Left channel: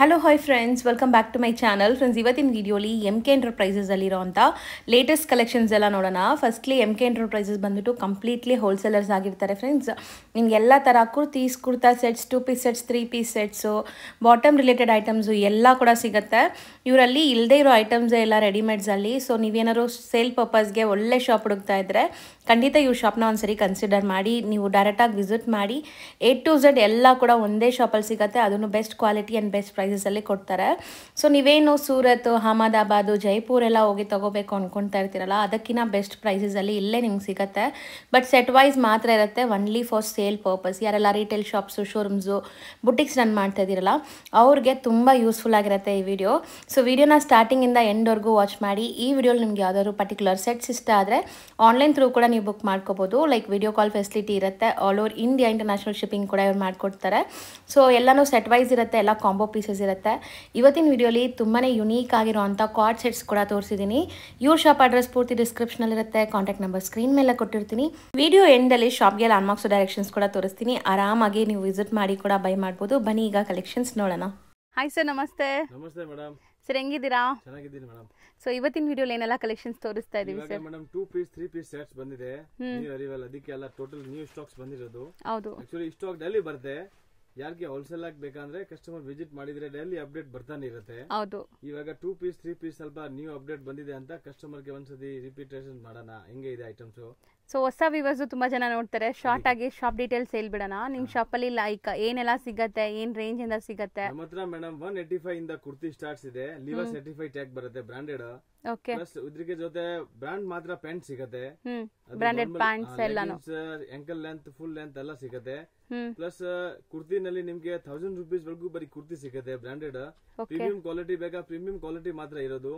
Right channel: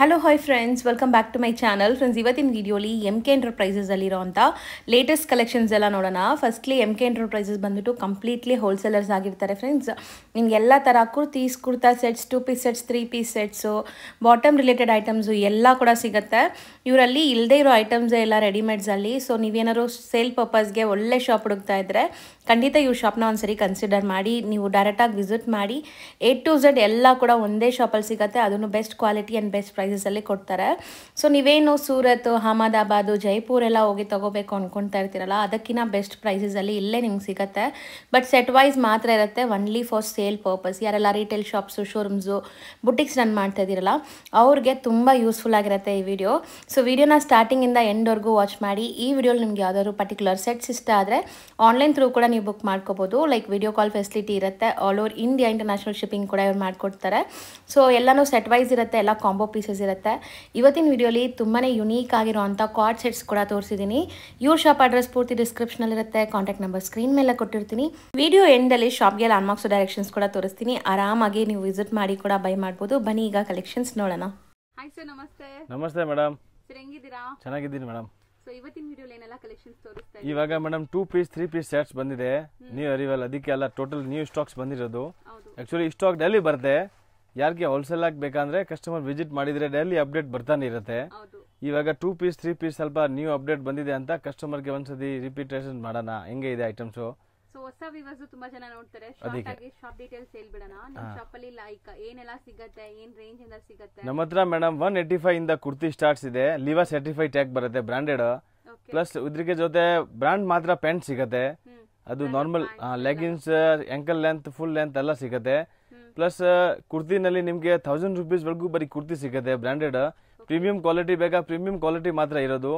Hello hi friends, welcome back to my channel. Friends, ಇವತ್ತಿನ ವಿಡಿಯೋಲಿ MK ಎಂಟರ್ಪ್ರೈಸಸಲ್ಲಿರೋಂಥ latest collections ಎಲ್ಲ ನೋಡೋಣ. ಫಸ್ಟ್ಲಿ MK ಎಂಟರ್ಪ್ರೈಸಸ್ ಬಂದುಬಿಟ್ಟು ಕಂಪ್ಲೀಟ್ಲಿ ಹೋಲ್ಸೇಲರ್ಸ್ ಆಗಿರ್ತಾರೆ ಫ್ರೆಂಡ್ಸ್. ನಿಮ್ಗೆ ಎಲ್ಲ ಥರ kurta sets, 2 piece sets, 3 piece sets, bottom related items ಎಲ್ಲ ಕೂಡ ಸಿಗುತ್ತೆ. ಇವರಲ್ಲಿ ಇಲ್ಲದೇ ಇರೋ ಐಟಮ್ಸೇ ಎಲ್ಲ ರೆಡಿಮೇಡ್ಸಲ್ಲಿ. ಸೊ ನೀವೇನಾದ್ರು ಸೇಲ್ ಪರ್ಪಸ್ಗೆ ಒಳ್ಳೆ ಶಾಪ್ ಹುಡುಕ್ತಾ ಇದ್ದರೆ ಖಂಡಿತ ಇವ್ರ ಶಾಪ್ನ ಒಂದ್ಸರಿ ಕನ್ಸಿಡರ್ ಮಾಡಿ. ನೀವು ಡೈರೆಕ್ಟಾಗಿ ವಿಸಿಟ್ ಮಾಡಿ. A to Z ಎಲ್ಲ ಕೂಡ ಒಂದೇ ಶಾಪಲ್ಲಿ ಸಿಗುತ್ತೆ. ಅದನ್ನು ಬೆಸ್ಟ್ ಕ್ವಾಲಿಟಿ ಆ್ಯಂಡ್ ಬೆಸ್ಟ್ ಪ್ರೈಸಸಲ್ಲಿ ಕೊಡ್ತಾರೆ. ಸೊ ನೀವೇನು ಸೂರತ್, ಅಹಮದಾಬಾದು, ಜೈಪುರ್ ಎಲ್ಲ ಹೋಗಿ ತೊಗೋಬೇಕು ಅಂದ್ಕೊಳ್ತಾ ಇರ್ತೀರಲ್ಲ, ಅದಕ್ಕಿಂತ ಬೆಸ್ಟ್ ಪ್ರೈಸಸಲ್ಲಿ ಇಲ್ಲೇ ನಿಮ್ಗೆ ಸಿಗುತ್ತೆ. ಬಟ್ ಸೆಟ್ ವೈಸ್ ಮಾತ್ರ ಇರುತ್ತೆ, ಒನ್ಲಿ ಫಾರ್ ಸೇಲ್ ಪರ್ಪಸ್. ಯಾರೆಲ್ಲ retail shops, showrooms, boutiques run ಮಾಡ್ತಾ ಇದ್ದೀರಲ್ಲ ಅವ್ರಿಗೆ ತುಂಬ ಯೂಸ್ಫುಲ್ ಆಗಿರುತ್ತೆ ಈ ವಿಡಿಯೋ. ಸೊ ವಿಡಿಯೋನ ಸ್ಟಾರ್ಟಿಂಗಿಂದ ಎಂಡ್ವರೆಗೂ ವಾಚ್ ಮಾಡಿ. ಈ ವಿಡಿಯೋಲಿ ನಿಮ್ಗೆ ಯಾವ್ದಾದ್ರು ಪರ್ಟಿಕ್ಯುಲರ್ ಸೆಟ್ಸ್ ಇಷ್ಟ ಆದರೆ ಆನ್ಲೈನ್ ಥ್ರೂ ಕೂಡ ನೀವು ಬುಕ್ ಮಾಡ್ಕೋಬೋದು. ಲೈಕ್ ವಿಡಿಯೋ ಕಾಲ್ ಫೆಸಿಲಿಟಿ ಇರುತ್ತೆ. All over India international shipping ಕೂಡ ಇವ್ರು ಮಾಡಿಕೊಡ್ತಾರೆ. ಸೊ ಎಲ್ಲನೂ ಸೆಟ್ ವೈಸ್ ಇರುತ್ತೆ, ಎಲ್ಲ ಕಾಂಬೋ ಪೀಸಸ್ ಇರುತ್ತೆ. ಇವತ್ತಿನ ವಿಡಿಯೋಲಿ ತುಂಬಾ ಯುನೀಕ್ ಆಗಿರೋಂಥ ಕಾರ್ಡ್ ಸೆಟ್ಸ್ ಕೂಡ ತೋರಿಸಿದ್ದೀನಿ. ಇವ್ರ ಶಾಪ್ ಅಡ್ರೆಸ್ ಪೂರ್ತಿ ಡಿಸ್ಕ್ರಿಪ್ಷನಲ್ಲಿರುತ್ತೆ. ಕಾಂಟ್ಯಾಕ್ಟ್ ನಂಬರ್ ಸ್ಕ್ರೀನ್ ಮೇಲೆ ಕೊಟ್ಟಿರ್ತೀನಿ. ವಿಡಿಯೋ ಎಂಡಲ್ಲಿ ಶಾಪ್ಗೆ ಲ್ಯಾಂಡ್ಮಾರ್ಕ್ಸ್ ಡೈರೆಕ್ಷನ್ಸ್ ಕೂಡ ತೋರಿಸ್ತೀನಿ. ಆರಾಮಾಗಿ ನೀವು ವಿಸಿಟ್ ಮಾಡಿ ಕೂಡ ಬೈ ಮಾಡ್ಬೋದು. ಬನ್ನಿ ಈಗ ಕಲೆಕ್ಷನ್ಸ್ ನೋಡೋಣ. ಹಾಯ್ ಸರ್, ನಮಸ್ತೆ. ನಮಸ್ತೆ ಮೇಡಮ್. ಸರ್, ಹೆಂಗಿದ್ದೀರಾ? ಚೆನ್ನಾಗಿದ್ದೀನಿ ಮೇಡಮ್. ಸೊ ಇವತ್ತಿನ ವಿಡಿಯೋಲಿ ಏನೆಲ್ಲ ಕಲೆಕ್ಷನ್ಸ್ ತೋರಿಸ್ತಾ ಇದ್ದೀವಿ? ಇವಾಗ ಮೇಡಮ್ 2 ಪೀಸ್ 3 ಪೀಸ್ ಸೆಟ್ಸ್ ಬಂದಿದೆ. ನೀವು ಅರಿವಲ್ಲ, ಅದಕ್ಕೆ ಎಲ್ಲ ಟೋಟಲ್ ನ್ಯೂ ಸ್ಟಾಕ್ಸ್ ಬಂದಿರೋದು. ಹೌದು. ಆಕ್ಚುಲಿ ಸ್ಟಾಕ್ ಡೈಲಿ ಬರುತ್ತೆ. ಯಾರಿಗೆ ಹೋಲ್ಸೇಲ್ ಆಗಿ ಬೇಕಂದ್ರೆ ಕಸ್ಟಮರ್ ವಿಸಿಟ್ ಮಾಡಿದ್ರೆ ಡೈಲಿ ಅಪ್ಡೇಟ್ ಬರ್ತಾನೆ ಇರುತ್ತೆ. ಹೌದು. ಇವಾಗ 2 ಪೀಸ್ 3 ಪೀಸ್ ಸ್ವಲ್ಪ ನ್ಯೂ ಅಪ್ಡೇಟ್ ಬಂದಿದೆ ಅಂತ ಕಸ್ಟಮರ್ಗೆ ಒಂದ್ಸತಿ ರಿಪೀಟೇಷನ್ ಮಾಡೋಣ, ಹೆಂಗೆ ಇದೆ ಐಟಮ್ಸ್. ಸೊ ಹೊಸ ವ್ಯೂವರ್ಸ್ ತುಂಬಾ ಜನ ನೋಡ್ತಾರೆ. ಶಾರ್ಟ್ ಆಗಿ ಶಾಪ್ ಡೀಟೇಲ್ಸ್ ಹೇಳ್ಬಿಡೋಣ. ನಿಮ್ ಶಾಪ್ ಅಲ್ಲಿ ಲೈಕ್ ಏನೆಲ್ಲ ಸಿಗತ್ತೆ, ಏನ್ ರೇಂಜ್ ಇಂದ ಸಿಗತ್ತೆ? ನಮ್ಮ ಹತ್ರ ಮೇಡಮ್ 185 ಇಂದ ಕುರ್ತಿ ಸ್ಟಾರ್ಟ್ಸ್ ಇದೆ. ಲಿವಾ ಸರ್ಟಿಫೈಡ್ ಟ್ಯಾಗ್ ಬರುತ್ತೆ, ಬ್ರಾಂಡೆಡ್. ಪ್ಲಸ್ ಇದ್ರಿಗೆ ಜೊತೆ ಬ್ರಾಂಡ್ ಮಾತ್ರ ಪ್ಯಾಂಟ್ ಸಿಗತ್ತೆ. ಅದು normal leggings, ankle length, full length ಎಲ್ಲ ಸಿಗತ್ತೆ. ಪ್ಲಸ್ ಕುರ್ತಿನಲ್ಲಿ ನಿಮ್ಗೆ 1000 ರೂಪೀಸ್ ವರೆಗೂ ಬರೀ ಕುರ್ತಿ ಸಿಗುತ್ತೆ ಬ್ರಾಂಡೆಡ್. ಪ್ರೀಮಿಯಂ ಕ್ವಾಲಿಟಿ ಬೇಕಾ, ಪ್ರೀಮಿಯಂ ಕ್ವಾಲಿಟಿ ಮಾತ್ರ ಇರೋದು,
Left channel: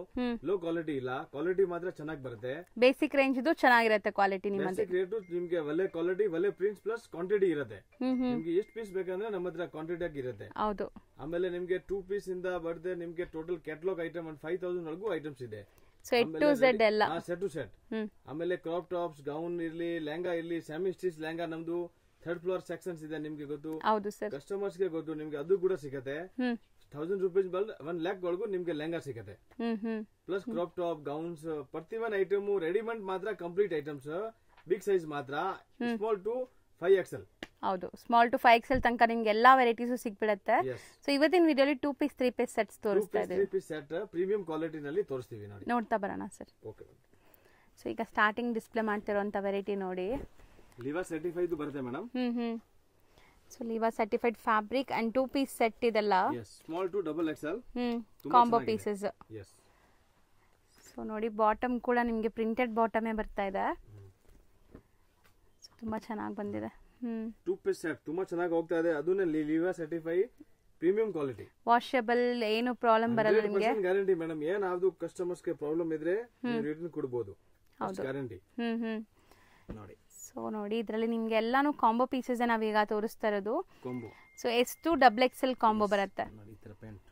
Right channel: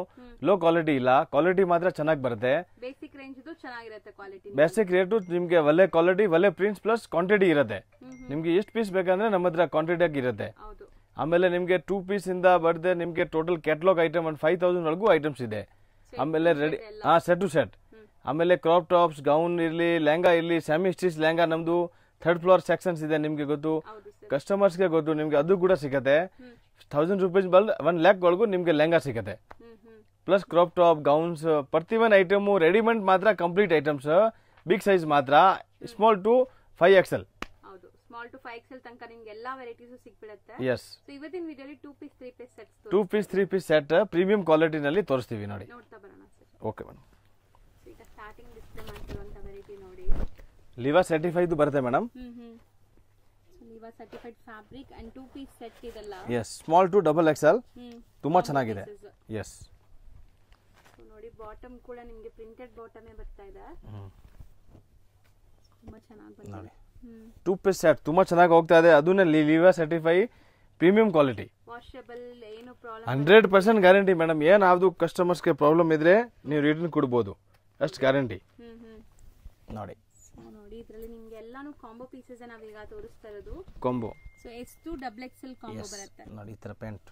ಲೋ ಕ್ವಾಲಿಟಿ ಇಲ್ಲ. ಕ್ವಾಲಿಟಿ ಮಾತ್ರ ಚೆನ್ನಾಗಿ ಬರುತ್ತೆ. ಬೇಸಿಕ್ ರೇಂಜ್ ಇದು ಚೆನ್ನಾಗಿರುತ್ತೆ ಕ್ವಾಲಿಟಿ. ಬೇಸಿಕ್ ರೇಟ್ ನಿಮ್ಗೆ ಒಳ್ಳೆ ಕ್ವಾಲಿಟಿ, ಒಳ್ಳೆ ಪ್ರಿಂಟ್ಸ್ ಪ್ಲಸ್ ಕ್ವಾಂಟಿಟಿ ಇರುತ್ತೆ. ನಿಮ್ಗೆ ಎಷ್ಟು ಪೀಸ್ ಬೇಕಂದ್ರೆ ನಮ್ಮ ಹತ್ರ ಕ್ವಾಂಟಿಟಿ ಆಗಿ ಇರುತ್ತೆ. ಆಮೇಲೆ ನಿಮ್ಗೆ 2 ಪೀಸ್ ಇಂದ ಬರ್ದೆ ನಿಮ್ಗೆ ಟೋಟಲ್ ಕ್ಯಾಟಲಾಗ್ ಐಟಮ್ 5000 ವರೆಗೂ ಐಟಮ್ಸ್ ಇದೆ. ಆಮೇಲೆ ಸೆಟ್ ಟು ಸೆಟ್. ಆಮೇಲೆ ಕ್ರಾಪ್ ಟಾಪ್ಸ್, ಗೌನ್ ಇರ್ಲಿ, ಲೆಹಂಗಾ ಇರ್ಲಿ, ಸೆಮಿ ಸ್ಟಿಚ್ ಲೆಹಂಗಾ ನಮ್ದು 3rd ಫ್ಲೋರ್ ಸೆಕ್ಷನ್ಸ್ ಇದೆ. ನಿಮ್ಗೆ ಗೊತ್ತು, ಕಸ್ಟಮರ್ಸ್ ಗೆ ಗೊತ್ತು, ನಿಮ್ಗೆ ಅದು ಕೂಡ ಸಿಗುತ್ತೆ. 1000 ರೂಪೀಸ್ 1 lakh ವರೆಗೂ ನಿಮ್ಗೆ ಲೆಹಂಗಾ ಸಿಗುತ್ತೆ. ಪ್ಲಸ್ ಕ್ರಾಪ್ ಟಾಪ್, ಗೌನ್ಸ್, ಪ್ರತಿ ಒಂದು ಐಟಮ್ ರೆಡಿಮೇಡ್ ಮಾತ್ರ, ಕಂಪ್ಲೀಟ್ ಐಟಮ್ಸ್. ಬಿಗ್ ಸೈಜ್ ಮಾತ್ರ, ಸ್ಮಾಲ್ ಟು 5XL. ಹೌದು, ಸ್ಮಾಲ್ ಟು 5XL ತನಕ ನಿಮ್ಗೆ ಎಲ್ಲಾ ವೆರೈಟೀಸ್ ಸಿಕ್ಬಿಡುತ್ತೆ. ಸೊ ಇವತ್ತಿನ ವಿಡಿಯೋಲಿ 2 piece 3 piece sets 2 piece 3 piece set premium quality ನಲ್ಲಿ ತೋರಿಸ್ತೀವಿ. ನೋಡಿ, ನೋಡ್ತಾ ಬರೋಣ ಸರ್. Okay madam. ಸೊ ಈಗ ಸ್ಟಾರ್ಟಿಂಗ್ ಡಿಸ್ಪ್ಲೇ ಮಾಡ್ತಿರೋಂತ ವೆರೈಟಿ ನೋಡಿ. ಲಿವಾ ಸರ್ಟಿಫೈಡ್ ಬರುತ್ತೆ madam. So Liva certified fabric and 2 piece set ಇದೆಲ್ಲ. Yes, small to XXL. ತುಂಬಾ ಚೆನ್ನಾಗಿದೆ. ಎಸ್. ಸೊ ನೋಡಿ, ಬಾಟಮ್ ಕೂಡ ನಿಮಗೆ ಪ್ರಿಂಟೆಡ್ ಬಾಟಮೇ ಬರ್ತಾ ಇದೆ. ತುಂಬಾ ಚೆನ್ನಾಗಿ ಬಂದಿದೆ. 2 ಪೀಸ್ ಸೆಟ್ ತುಂಬಾ ಚೆನ್ನಾಗಿ ಹೋಗ್ತಾ ಇದೆ. ಅದನ್ನ ಲಿವಾ ಸರ್ಟಿಫೈ ಪ್ರೀಮಿಯಂ ಕ್ವಾಲಿಟಿ, ವಾಷಬಲ್, ಏನು ಪ್ರಾಬ್ಲಮ್ 100% ಗ್ಯಾರಂಟಿ ಮೇಡಮ್. ಏನಾದ್ರು ಕಸ್ಟಮರ್ಸ್ ಗೆ ಪ್ರಾಬ್ಲಮ್ ಇದ್ರೆ ನೀವು ರಿಟರ್ನ್ ಕೊಡಬಹುದು, ಅಷ್ಟು ಗ್ಯಾರಂಟಿ. ನೋಡಿ. ಸೊ ನೋಡಿ, ಇದರಲ್ಲಿ ನಿಮ್ಗೆ ಎಲ್ಲಾನು ಕಾಂಬೋ ಪೀಸಸ್ ನಾವೀಗ ತೋರಿಸ್ತಾ ಇರೋದು. Combo. So S to XXL combo ಬರುತ್ತೆ. ನೋಡಿ, ಈ ತರ ಪ್ಯಾಂಟ್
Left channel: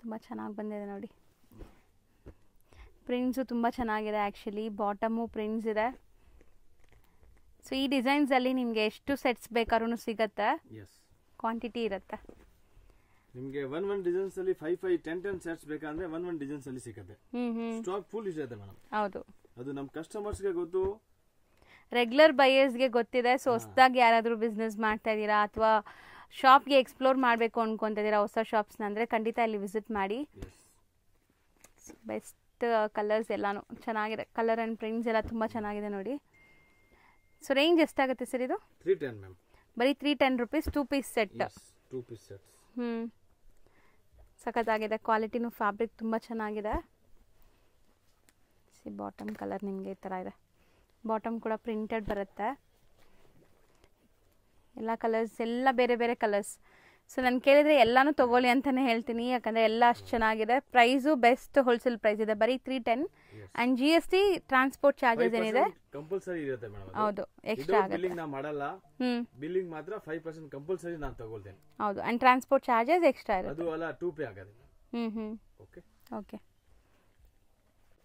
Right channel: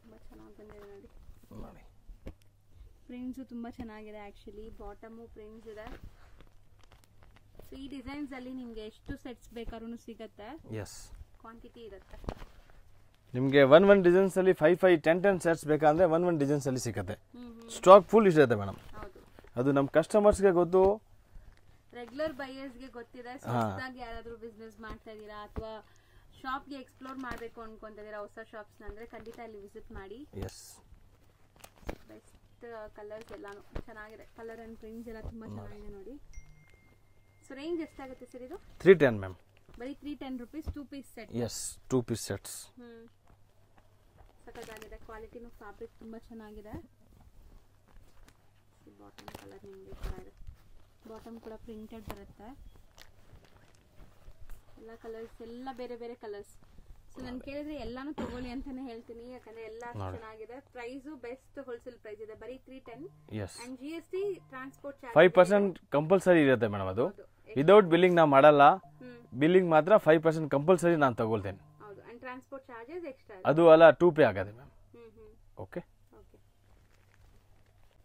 ತುಂಬಾ ಚೆನ್ನಾಗಿ ಬಂದಿದೆ ನೋಡಿ. ಪ್ರಿಂಟ್ಸು ತುಂಬಾ ಚೆನ್ನಾಗಿದೆ. ಆಕ್ಚುಲಿ ಬಾಟಮು ಪ್ರಿಂಟ್ಸ್ ಇದೆ. ಸೊ ಈ ಡಿಸೈನ್ಸ್ ಅಲ್ಲಿ ನಿಮ್ಗೆ ಎಷ್ಟು ಸೆಟ್ಸ್ ಬೇಕಾದ್ರೂ ಸಿಗತ್ತೆ. ಕ್ವಾಂಟಿಟಿ ಇರುತ್ತೆ. ನಿಮ್ಗೆ 1 ಡಿಸೈನ್ಸ್ ಅಲ್ಲಿ 5 10 ಸೆಟ್ಸ್ ಬೇಕಂದ್ರೆ 1 ಡಿಸೈನ್ಸ್ ಅಲ್ಲಿ ಸಿಗುತ್ತೆ. ಸ್ಟಾಕ್ ಫುಲ್ ಇರುತ್ತೆ ಮೇಡಮ್. ಹೌದು. ಅದು ನಮ್ಮ ಕಸ್ಟಮರ್ಸ್ ಗೆ ಗೊತ್ತು, ರೆಗ್ಯುಲರ್ ಬೈಯರ್ಸ್ ಗೆ ಗೊತ್ತಿದೆ. ಸೊ ಹೊಸದಾಗಿ ಯಾರಾದ್ರೂ ಬಿಸ್ನೆಸ್ ಮಾಡ್ತಾ ಇದೀರಾ ಅಥವಾ ಶಾಪ್ಗೆ ಎಕ್ಸ್ಪ್ಲೋರ್ ಮಾಡಬೇಕು ಅನ್ಕೊಂತ ಇದೀರಾ ಹೊಸ ಶಾಪ್ಸ್ ಅಂದ್ರೆ ಖಂಡಿತ ಇಲ್ಲಿ ವಿಸಿಟ್ ಮಾಡಿ. ಬೆಸ್ಟ್ ಕಲರ್ಸ್ ಎಲ್ಲಾನು ಚೆನ್ನಾಗಿದೆ. ಕಲರ್ ಅಂಡ್ ಪ್ರಿಂಟ್ಸ್ ಎಲ್ಲ ತುಂಬಾ ಚೆನ್ನಾಗಿದೆ ನೋಡಿ. ಸೊ ರೇಂಜ್ ಎಷ್ಟಾಗುತ್ತೆ ಸರ್ ಇದು? 310 ಮ್ಯಾಮ್. ಬರೀ 310 rupees 2 piece set. Yes, 2 piece sets. ಸಖತ್ತಾಗಿದೆ. ಕ್ವಾಲಿಟಿನೂ ಫ್ಯಾಬ್ರಿಕ್ ತುಂಬಾ ಚೆನ್ನಾಗಿದೆ. ಬಾಟಮ್ ಕಲರ್ ನಿಮಗೆ ಈ ತರ ಇದೆ. ಬಾಟಮ್ ಕೂಡ ಪ್ರಿಂಟೆಡ್ ಬರುತ್ತೆ. ಎಲ್ಲ ಕಲರ್ಸ್ ಎಲ್ಲ ಬೇರೆ ಬೇರೆ ಕಲರ್ಸ್. ಸೊ ನಾನು ಕೇಳಿದ್ರೆ ಎಲ್ಲಾನು ತಗೊಳ್ಳಿ ಅಂತಾನೆ ಹೇಳ್ತೀನಿ, ಯಾಕಂದ್ರೆ ಎಲ್ಲ ಅಷ್ಟು ಚೆನ್ನಾಗಿದೆ. ಪ್ರೈಸು ಬೆಸ್ಟ್ ಹೋಲ್ಸೇಲ್ ಪ್ರೈಸ್ ಇದೆ, ಬರೀ 310. And GST transport charges 5% compulsory ಇರುತ್ತೆ ಮೇಡಮ್. ಅದು ವಿದೌಟ್ ಬಿಲ್ಲಿಂಗ್ ನಾವು ಮಾಡಲ್ಲ. ಬಿಲ್ಲಿಂಗ್ ಮಾತ್ರ 5% ಕಂಪಲ್ಸರಿ ನಾನು ತಗೊಳ್ತೇನೆ. ಹೌದು. ಅಂಡ್ ಟ್ರಾನ್ಸ್ಪೋರ್ಟ್ ಚಾರ್ಜಸ್ ಎಕ್ಸ್ಟ್ರಾ ಅದು ಅಲ್ಲ 2 ಪೇ ಆಗುತ್ತೆ ma'am. Okay okay.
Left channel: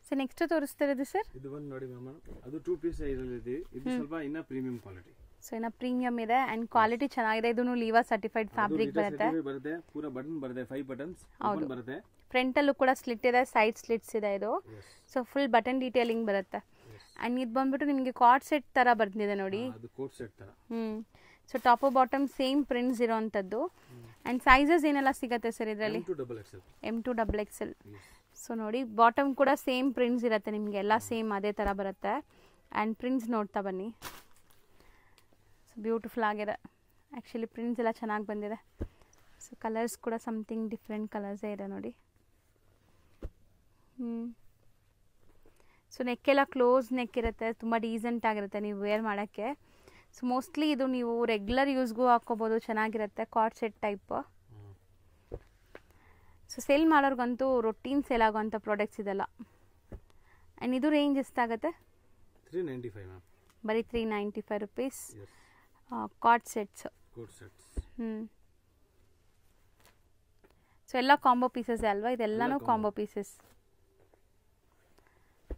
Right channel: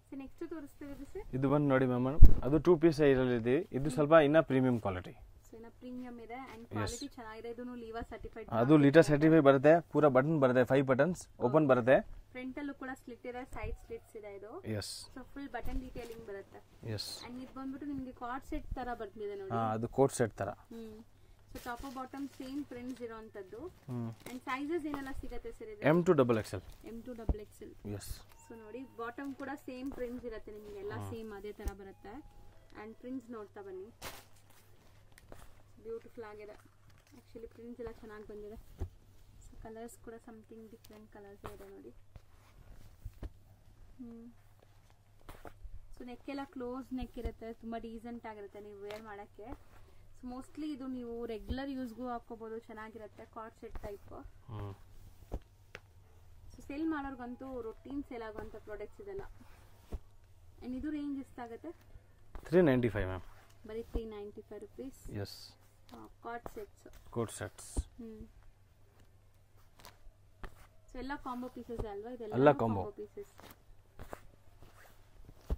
So next ತೋರಿಸ್ತಿರೋದು ಸರ್, ಇದು ಬಂದು ನೋಡಿ ಮ್ಯಾಮ್, ಅದು 2 ಪೀಸ್ ಇರಲಿದೆ. ಇದು ಸ್ವಲ್ಪ ಇನ್ನ ಪ್ರೀಮಿಯಂ ಕ್ವಾಲಿಟಿ. ಸೊ ಇನ್ನ ಪ್ರೀಮಿಯಂ ಇದೆ ಅಂಡ್ ಕ್ವಾಲಿಟಿ ಚೆನ್ನಾಗಿದೆ. ಇದನ್ನು ಲೀವಾ ಸರ್ಟಿಫೈಡ್ ಅದು ಲೀಟರ್ ಸರ್ಟಿಫೈಡ್ ಬರುತ್ತೆ. ಪೂರಾ ಬಟನ್ ಬರುತ್ತೆ, 5 ಬಟನ್ಸ್ ಓಪನ್ ಬರುತ್ತೆ. ಫ್ರಂಟ್ ಅಲ್ಲೂ ಕೂಡ ಸ್ಲಿಟ್ ಇದೆ, ಸೈಡ್ ಸ್ಲಿಟ್ಸ್ ಇದೆ ಇದು. ಸೊ ಫುಲ್ ಬಟನ್ ಡೀಟೇಲಿಂಗ್ ಬರುತ್ತೆ. ಅಂಡ್ ಇದು ಬಂದ್ಬಿಟ್ಟು ನಿಮಗೆ ಕಾರ್ಡ್ ಸೆಟ್ ತರ ಬರ್ತಿದೆ ನೋಡಿ. ಅದು ಕೋಟ್ ಸೆಟ್ ತರ. So top bottom same prints ಇರೋಂಥದ್ದು. ಅಂಡ್ ಸೈಜಸ್ ಏನೆಲ್ಲ ಸಿಗುತ್ತೆ ಸರ್ ಇದರಲ್ಲಿ? M2XL. ಸೊ ನೋಡಿ ಬಾಟಮ್ ಕೂಡ ಸೇಮ್ ಪ್ರಿಂಟ್ಸ್ ಇರುತ್ತೆ ನಿಮಗೆ, ಎಲ್ಲ ಸೇಮ್ ಅದೇ ತರ ಬರುತ್ತೆ. ಅಂಡ್ ಪ್ರಿಂಟ್ಸ್ ನೋಡ್ತಾ ಬನ್ನಿ, ಬ್ಯೂಟಿಫುಲ್ ಆಗಿದೆ. ಆ್ಯಕ್ಚುಲಿ ಪ್ರಿಂಟ್ಸ್ ಎಲ್ಲ ಚೆನ್ನಾಗಿ ಬಂದಿದೆ. ಸೊ ಕಲರ್ಸ್ ಕೂಡ ಸಮಥಿಂಗ್ ಡಿಫ್ರೆಂಟ್ ಕಲರ್ಸೇ ಇದೆ ನೋಡಿ. ಸೊ ನೆಕ್ಕೆಲ್ಲ ಕ್ಲೋಸ್ ನೆಕ್ ಇರುತ್ತೆ, ತುಂಬ ಡೀಸೆಂಟ್ ಆಗಿರುತ್ತೆ ನೀವು ವೇರ್ ಮಾಡೋಕ್ಕೆ. ಸೊ ಮೋಸ್ಟ್ಲಿ ಇದು ನೀವು ರೆಗ್ಯುಲರ್ ಯೂಸ್ಗೂ ಹಾಕ್ಕೋಬೋದು, ಚೆನ್ನಾಗಿರುತ್ತೆ. Coord set type. So sale ಮಾಡೋರ್ಗಂತೂ ರೊಟೀನ್ ಸೇಲ್ ಆಗೋಂಥ ಪ್ರಾಡಕ್ಟ್ಸ್ ಇದೆಲ್ಲ. ಆ್ಯಂಡ್ ಇದು ರೇಂಜ್ ಎಷ್ಟಾಗುತ್ತೆ? 395 ಮ್ಯಾಮ್. ಬರೀ 395 ರುಪೀಸ್. Coord sets. ಸೊ ಎಲ್ಲ ಕಾಂಬೋ ಪೀಸಸ್ ಅಲ್ವಾ? ಇದೆಲ್ಲನೂ ಕಾಂಬೋ ಪೀಸಸ್.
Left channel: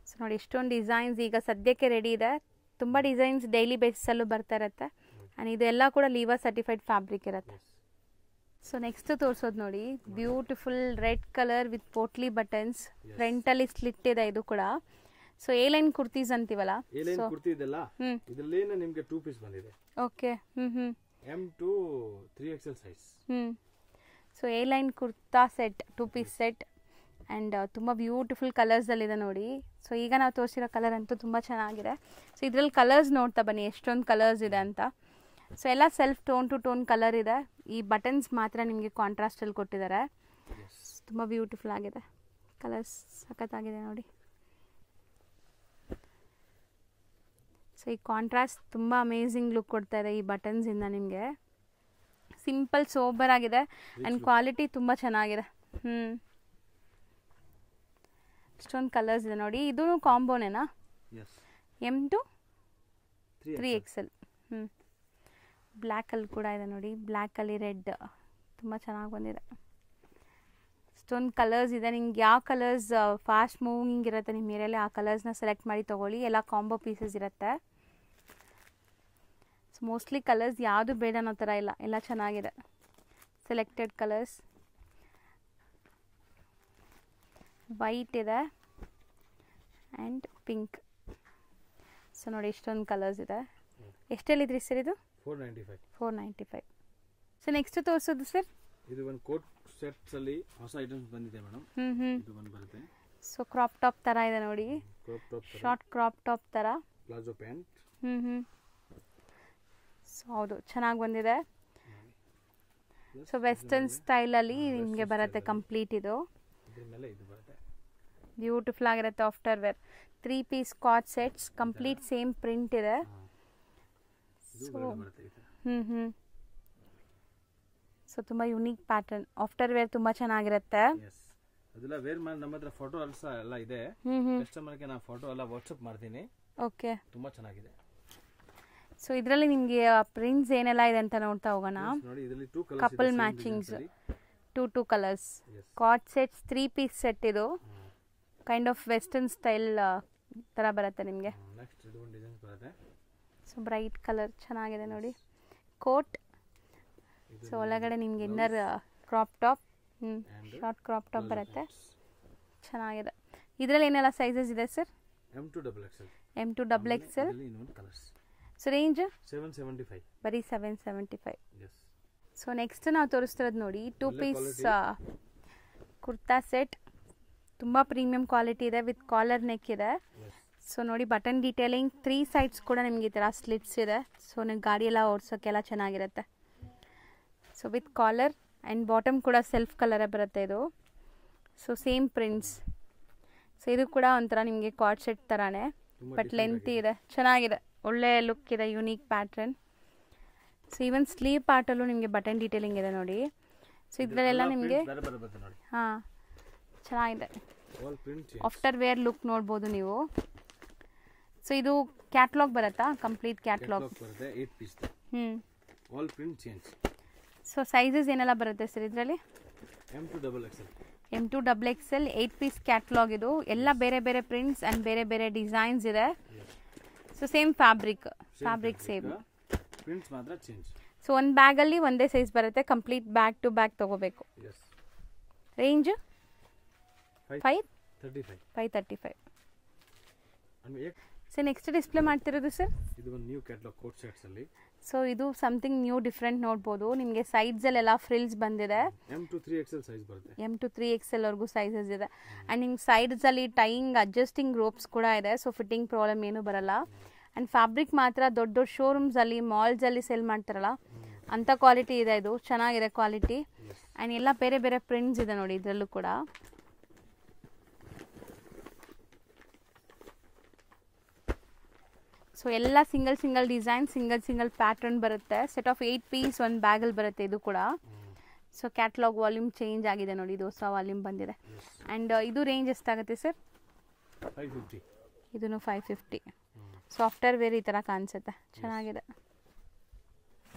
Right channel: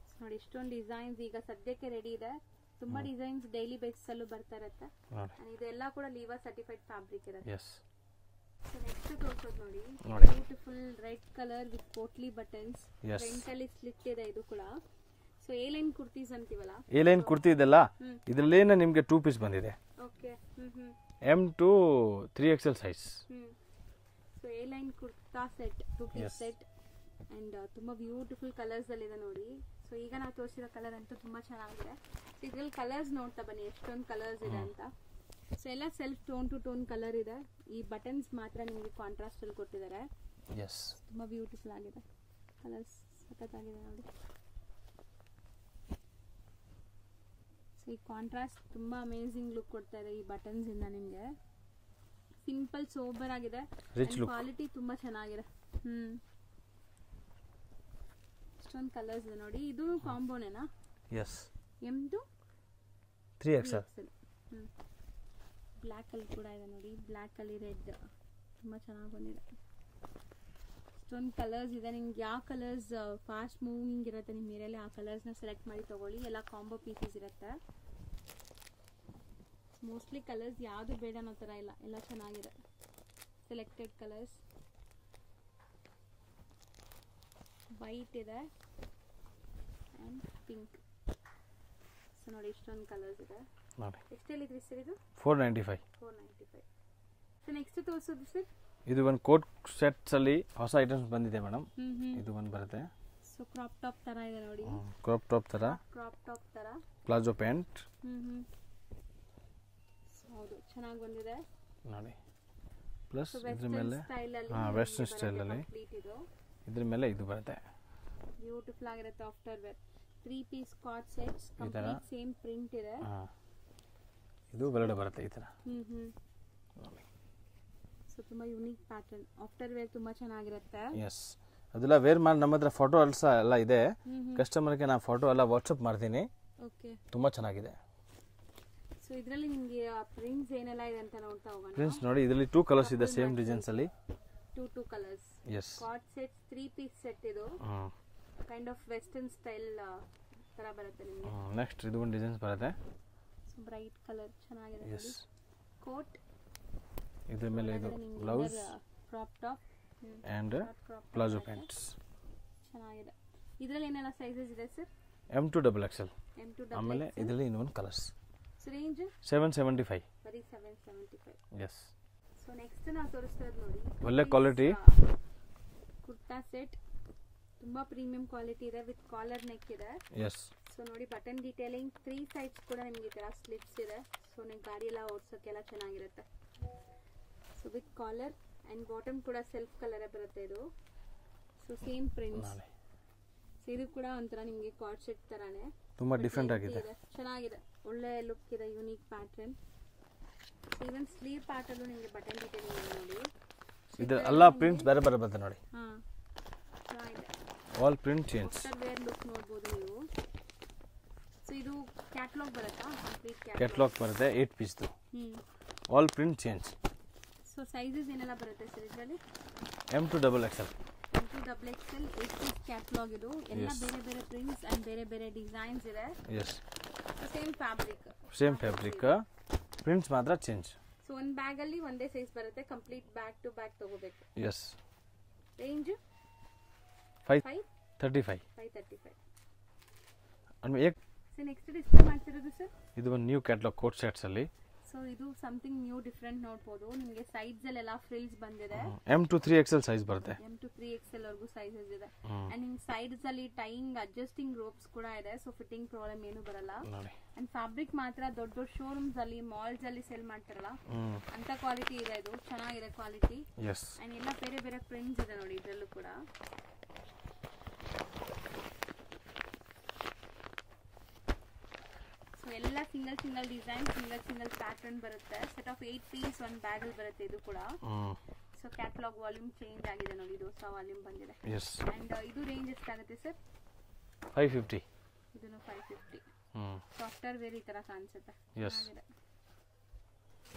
ಸೊ ನೋಡಿ ಎಷ್ಟೊಂದು ಡಿಸೈನ್ಸ್ ಈಗ ಸದ್ಯಕ್ಕೆ ರೆಡಿ ಇದೆ. ತುಂಬ ಡಿಸೈನ್ಸ್ ಡೈಲಿ ಬೇಸಿಸಲ್ಲೂ ಬರ್ತಾ ಇರುತ್ತೆ. ಆ್ಯಂಡ್ ಇದೆಲ್ಲ ಕೂಡ ಲೀವಾ ಸರ್ಟಿಫೈಡ್ ಫ್ಯಾಬ್ರಿಕ್ ಇರುತ್ತೆ. ಸೊ ನೆಕ್ಸ್ಟ್ ತೋರಿಸೋದು ನೋಡಿ, beautiful red colour with potli buttons. ಫ್ರಂಟಲ್ಲಿ ಸ್ಲಿಟ್ ಇದೆ ಇದು ಕೂಡ. ಸೊ ಎ ಲೈನ್ ಕುರ್ತೀಸ್ ಅಂತೀವಲ್ಲ, ಎ ಲೈನ್ ಕುರ್ತಿ ಇದೆಲ್ಲ ಇದರಲ್ಲೇನೆ ನಿಮಗೆ 2 ಪೀಸ್ ಬಂದಿದೆ. Okay. M2 3XL size. So A line kurta set, 2 piece set. And ತುಂಬ ಬ್ಯೂಟಿಫುಲ್ ಕಲರ್ಸಲ್ಲಿದೆ ನೋಡಿ. ಸೊ ಈಗ ನಾವು ತೋರಿಸಿರೋ ಕಲರ್ ಅಂತೂ ತುಂಬ ಚೆನ್ನಾಗಿದೆ. ಸೊ ಇದರಲ್ಲಿ ಕಲರ್ಸ್ ನೋಡ್ತಾ ಬನ್ನಿ ಎಷ್ಟೊಂದು ಕಲರ್ಸ್ ಇದೆ ಅಂತ. ಸೊ ಎಲ್ಲ self tone to tone colour ಇದೆ. ಈ ಬಟನ್ಸ್ ಮಾತ್ರ ನಿಮಗೆ ಕಾಂಟ್ರಾಸ್ಟಲ್ಲಿ ಕೊಟ್ಟಿದ್ದಾರೆ. ತುಂಬ ಬ್ಯೂಟಿಫುಲ್ ಆಗಿದೆ, ಕಲರ್ಸ್ ಸಖತ್ತಾಗಿದೆ ನೋಡಿ. ಸೊ ಈ ಕಾಂಟ್ರಾಸ್ಟ್ ತುಂಬ ಅಮೇಝಿಂಗ್ ಲುಕ್ ಕೊಡ್ತಾ ಇದೆ ಈ ಬಟನ್ಸಿಂದ ನಿಮಗೆ. ಸಿಂಪಲ್ ಸೋಬರ್ ಆಗಿದೆ ಆ್ಯಂಡ್ ಕ್ವಾಲಿಟಿ ತುಂಬ ಚೆನ್ನಾಗಿದೆ. ಇಷ್ಟೊಂದು ಕಲರ್ಸ್ ಇದೆ ನೋಡಿ. ಇದು ಕಾಂಬೋನೇನಾ? M2 3XL. ಬ್ಲ್ಯಾಕಲ್ಲಿ ಕೂಡ ಇದೆ ನೋಡಿ, ಬ್ಲ್ಯಾಕಲ್ಲಿ ರೆಡ್ ತುಂಬ ಚೆನ್ನಾಗಿ ಬಂದಿದೆ. ಇಷ್ಟೊಂದು ಕಲರ್ಸ್ ಇದೆ. ನಿಮ್ಗೆ ಯಾವ ಕಲರ್ಸ್ ಫಾಸ್ಟ್ ಮೂವಿಂಗ್ ಇರುತ್ತೆ ನಿಮ್ಮ ಏರಿಯಲ್ಲಿ ಆ ಕಲರ್ಸ್ನ ಸೆಲೆಕ್ಟ್ ಮಾಡಿ ತೊಗೊಳ್ಳಿ. ಎಲ್ಲ ಕಾಂಬೋ ಪೀಸಸ್ ಇರುತ್ತೆ. ಸೊ ಮೋಸ್ಟ್ಲಿ ಕಲರ್ಸ್ ಯಾವುದು ಬೇಡ ಅನ್ನೋ ಥರ ಇಲ್ಲ, ಎಲ್ಲ ಚೆನ್ನಾಗಿದೆ. Selected colours. ವೈಟ್ ಇದೆ ಆ್ಯಂಡ್ ಪಿಂಕ್. ಸೊ ನೋಡಿ ಎಷ್ಟೊಂದು ಕಲರ್ಸ್ ಇದೆ. ಎಷ್ಟೆಲ್ಲಿದ್ರಿ ಸರ್ ಇದು? 495. ಸೊ ನೆಕ್ಸ್ಟ್ ತೋರಿಸೋದು ಸರ್, ಇದು ಒಂದು ಕೋಟ್ ಸೆಟ್ಸ್ ಅಲ್ಲಿ ಹೊಸ ಐಟಮ್ಸ್ ಬಂದಿದೆ ಮೇಡಮ್. ಇದು ಒಂದು ಬರುತ್ತೆ. ಸೊ ಕ್ರಾಪ್ ಟಾಪ್ ತರ ಇದೆ ನೋಡಿ. ಕ್ರಾಪ್ ಟಾಪ್ ತರ, ಶಾರ್ಟ್ ಕ್ರಾಪ್ ಟಾಪ್ ತರ, ಪ್ಲಾಜೋ ಪ್ಯಾಂಟ್. ಸೊ ಹೌದು ಚೆನ್ನಾಗಿ ಬಂದಿದೆ ನೋಡಿ. ಸೊ ವೆಸ್ಟರ್ನ್ ಸ್ಟೈಲ್ ಅಲ್ಲಿ ನಿಮಗೆ ಬರುತ್ತೆ ಕಂಪ್ಲೀಟ್. ಇದು ಇದ್ರ ಮೇಲೆ ಇದು ಬರುತ್ತೆ, ಬ್ಯೂಟಿಫುಲ್ ಆಗಿರುತ್ತೆ. After wear 3 piece coord sets complete same print ಇದೆ. ಇದು ಬರಡೆ ಬರುತ್ತೆ ಈ ತರ. ಸೊ ತುಂಬ ಯುನೀಕ್ ಪ್ಯಾಟರ್ನ್. ಆಫ್ಟರ್ ವೇರ್ ತುಂಬ ಚೆನ್ನಾಗಿರುತ್ತೆ. ಅದೆಲ್ಲ ವೇರ್ ಮಾಡಿ ನಮ್ಮ ಹತ್ರ ಫೋಟೋ ಎಲ್ಲ ಇದೆ. ಕಸ್ಟಮರ್ಗೆ ನಾನು ಫೋಟೋ ಎಲ್ಲ ವಾಟ್ಸಪ್ ಮಾಡ್ತೀನಿ. ಓಕೆ, ತುಂಬಾ ಚೆನ್ನಾಗಿದೆ. ಸೊ ಇದರಲ್ಲಿ ನಿಮಗೆ ಪ್ರಿಂಟ್ಸ್ ಏನೆಲ್ಲ ಇದೆ ಅಂತ ನೋಡ್ತಾ ಹೋಗೋಣ. ನೋಡಿ ಇದರಲ್ಲಿ 2 ಕಲರ್ಸ್ ಇದೆ, ಸೇಮ್ ಡಿಸೈನ್ಸ್ ಅಲ್ಲಿ 2 colours. Coord sets 3 piece set. ಇದು ಕೈಂಡ್ ಆಫ್ ವೆಸ್ಟರ್ನ್ ಸ್ಟೈಲ್ ತರ ಬರುತ್ತೆ ನಿಮಗೆ. ನೆಕ್ಸ್ಟ್ ಇದು ಒಂದು ಡಿಸೈನ್ಸ್ ಬರುತ್ತೆ. ಸೊ ಬ್ರೈಟ್ ಕಲರ್ ಚೆನ್ನಾಗಿದೆ ನೋಡಿ. ಕೋಟ್. ಸೊ ಒಳಗಡೆ ನಿಮಗೆ inner crop top, short crop top ಬರುತ್ತೆ. ಚೆನ್ನಾಗಿದೆ. ಇದರಲ್ಲಿ ಏನೆಲ್ಲ ಸೈಜಸ್ ಇದೆ ಸರ್? M2XL. ಇದರಲ್ಲಿ ಇನ್ನೊಂದು ಕಲರ್ಸ್. So range 775. ಬರೀ 775. ಎಸ್. ಸೊ ನೆಕ್ಸ್ಟ್ ನಾವು ತೋರಿಸ್ತಿರೋದು ನೋಡಿ 2 ಪೀಸ್ ಕುರ್ತಾ ಸೆಟ್. ತುಂಬ ಪ್ರೀಮಿಯಂ ಕ್ವಾಲಿಟಿ ಇದೆ, ವಿತ್ ಕಾಲರ್ ನೆಕ್ ಇದೆ. ಸೊ ನೋಡಿ ಬಟನ್ ಡೀಟೇಲಿಂಗ್, 3 ಸೈಡ್ಸ್ ಕೂಡ ನಿಮಗೆ ಈ ಥರ ಸ್ಲಿಟ್ಸ್ ಇದೆ. ಸೊ ನೀವು ಗಾಡಿ ಎಲ್ಲ ಓಡಿಸೋಕ್ಕೆಲ್ಲ ಚೆನ್ನಾಗಿರುತ್ತೆ. So with collar and bottom ಕೂಡ ಸೆಲ್ಫ್ ಕಲರೇ ಬರುತ್ತೆ ಇದು. So same prints. ಸೊ ಇದು ಕೂಡ ಒಂಥರ ನಿಮಗೆ ಕಾರ್ಡ್ ಸೆಟ್ ಥರನೇ, ಬಟ್ ಲೆಂತಿ ಇದೆ, ಚೆನ್ನಾಗಿದೆ, ಒಳ್ಳೆ ಲುಕ್ ಇದೆ, unique pattern. So even sleeve ಪಾರ್ಟಲ್ಲೂ ನಿಮಗೆ ಬಟನ್ ಡೀಟೇಲಿಂಗ್ ಇದೆ ನೋಡಿ. ಸೊ ಇದೆಲ್ಲ ನಿಮಗೆ ನೋಡಿ. ಹಾಂ ಚೆನ್ನಾಗಿದೆ. All print change. After wear look ನೋಡ್ಬೋದು ನೀವು. ಸೊ ಇದು ಕ್ಯಾಟಲಾಗ್ ಬರುತ್ತಾ? ಕಂಪ್ಲೀಟ್ ಕ್ಯಾಟಲಾಗ್ ಬರುತ್ತೆ, 8 piece. All print change. So sizes ಏನೆಲ್ಲ ಬರುತ್ತೆ ಸರ್ ಇದರಲ್ಲಿ? M2XL. 8 piece catalogue. ಇದು ಎಲ್ಲ ಬೇರೆ ಬೇರೆ ಪ್ರಿಂಟ್ಸ್ ಅಂಡ್ ಬೇರೆ ಬೇರೆ ಡಿಸೈನ್ಸ್ ಇದೆ. So same fabric. ಪ್ರಿಂಟ್ಸ್ ಮಾತ್ರ ಚೇಂಜ್. ಸೊ ಒಂದು ಬ್ಯಾಗಲ್ಲಿ ಒಂದೇ ಸೈಜ್ ಬರುತ್ತೆ, ಕಂಪ್ಲೀಟ್ ಬ್ಯಾಗ್ ಟು ಬ್ಯಾಗ್ ತಗೋಬೇಕು. Yes. Range 535. 535. And so next display ಮಾಡ್ತಿರೋದು ಸರ್, ಇದು ಒಂದು ನ್ಯೂ ಕ್ಯಾಟಲಾಗ್ ಕೋಟ್ ಸೆಟ್ಸ್ ಅಲ್ಲಿ. ಸೊ ಇದು ಸಮಥಿಂಗ್ ನ್ಯೂ ಡಿಫ್ರೆಂಟ್ ನೋಡ್ಬೋದು. ನಿಮಗೆ ಸೈಡ್ಸ್ ಅಲ್ಲೆಲ್ಲ ಫ್ರಿಲ್ಸ್ ಬಂದಿದೆ. M to 3XL ಸೈಜ್ ಬರುತ್ತೆ. M to 3XL ವರ್ಗೂ ಸೈಜಸ್ ಇದೆ. ಅಂಡ್ ನಿಮ್ಗೆ ಸೈಡ್ಸ್ ಅಲ್ಲಿ ಟೈಯಿಂಗ್ ಅಡ್ಜಸ್ಟಿಂಗ್ ರೋಪ್ಸ್ ಕೂಡ ಇದೆ, ಸೊ ಫಿಟ್ಟಿಂಗ್ ಪ್ರಾಬ್ಲಮ್ ಏನು ಬರಲ್ಲ. ಅಂಡ್ ಫ್ಯಾಬ್ರಿಕ್ ಮಾತ್ರ ದೊಡ್ಡ ದೊಡ್ಡ ಶೋರೂಮ್ಸ್ ಅಲ್ಲಿ ಮಾಲ್ಸ್ ಅಲ್ಲಿ ಸೇಲ್ ಮಾಡ್ತಾರಲ್ಲ ಅಂತ ಕ್ವಾಲಿಟಿ ಇದೆ. ಇದು ಚೆನ್ನಾಗಿದೆ ಕ್ವಾಲಿಟಿ. ಅಂಡ್ ಎಲ್ಲ ಬೇರೆ ಬೇರೆ ಪ್ರಿಂಟ್ಸ್ ಇದೆ ನೋಡಿ ಇದರಲ್ಲೂ ಕೂಡ. ಸೊ ಎಲ್ಲ single single design, single pattern ಬರುತ್ತೆ. ಸೆಟ್ ಆಫ್ 8 ಪೀಸ್ ಒಂದು ಬ್ಯಾಗಲ್ಲಿ ಬರುತ್ತೆ ಇದು ಕೂಡ. ಸೊ ಕ್ಯಾಟಲಾಗ್ ವಾಲ್ಯೂಮ್ ಚೇಂಜ್ ಆಗಿದೆ ನೋಡಿ, ಇದು ಹೊಸ ವಾಲ್ಯೂಮ್ ಬಂದಿದೆ. ಅಂಡ್ ಇದು ರೇಂಜ್ ಎಷ್ಟಾಗುತ್ತೆ ಸರ್? 550. ಇದನ್ನು 550. ಸಾಫ್ಟ್ವೇರ್ ವೇರ್ ಈ ತರ ಕಾಣಿಸುತ್ತೆ, ಚೆನ್ನಾಗಿದೆ.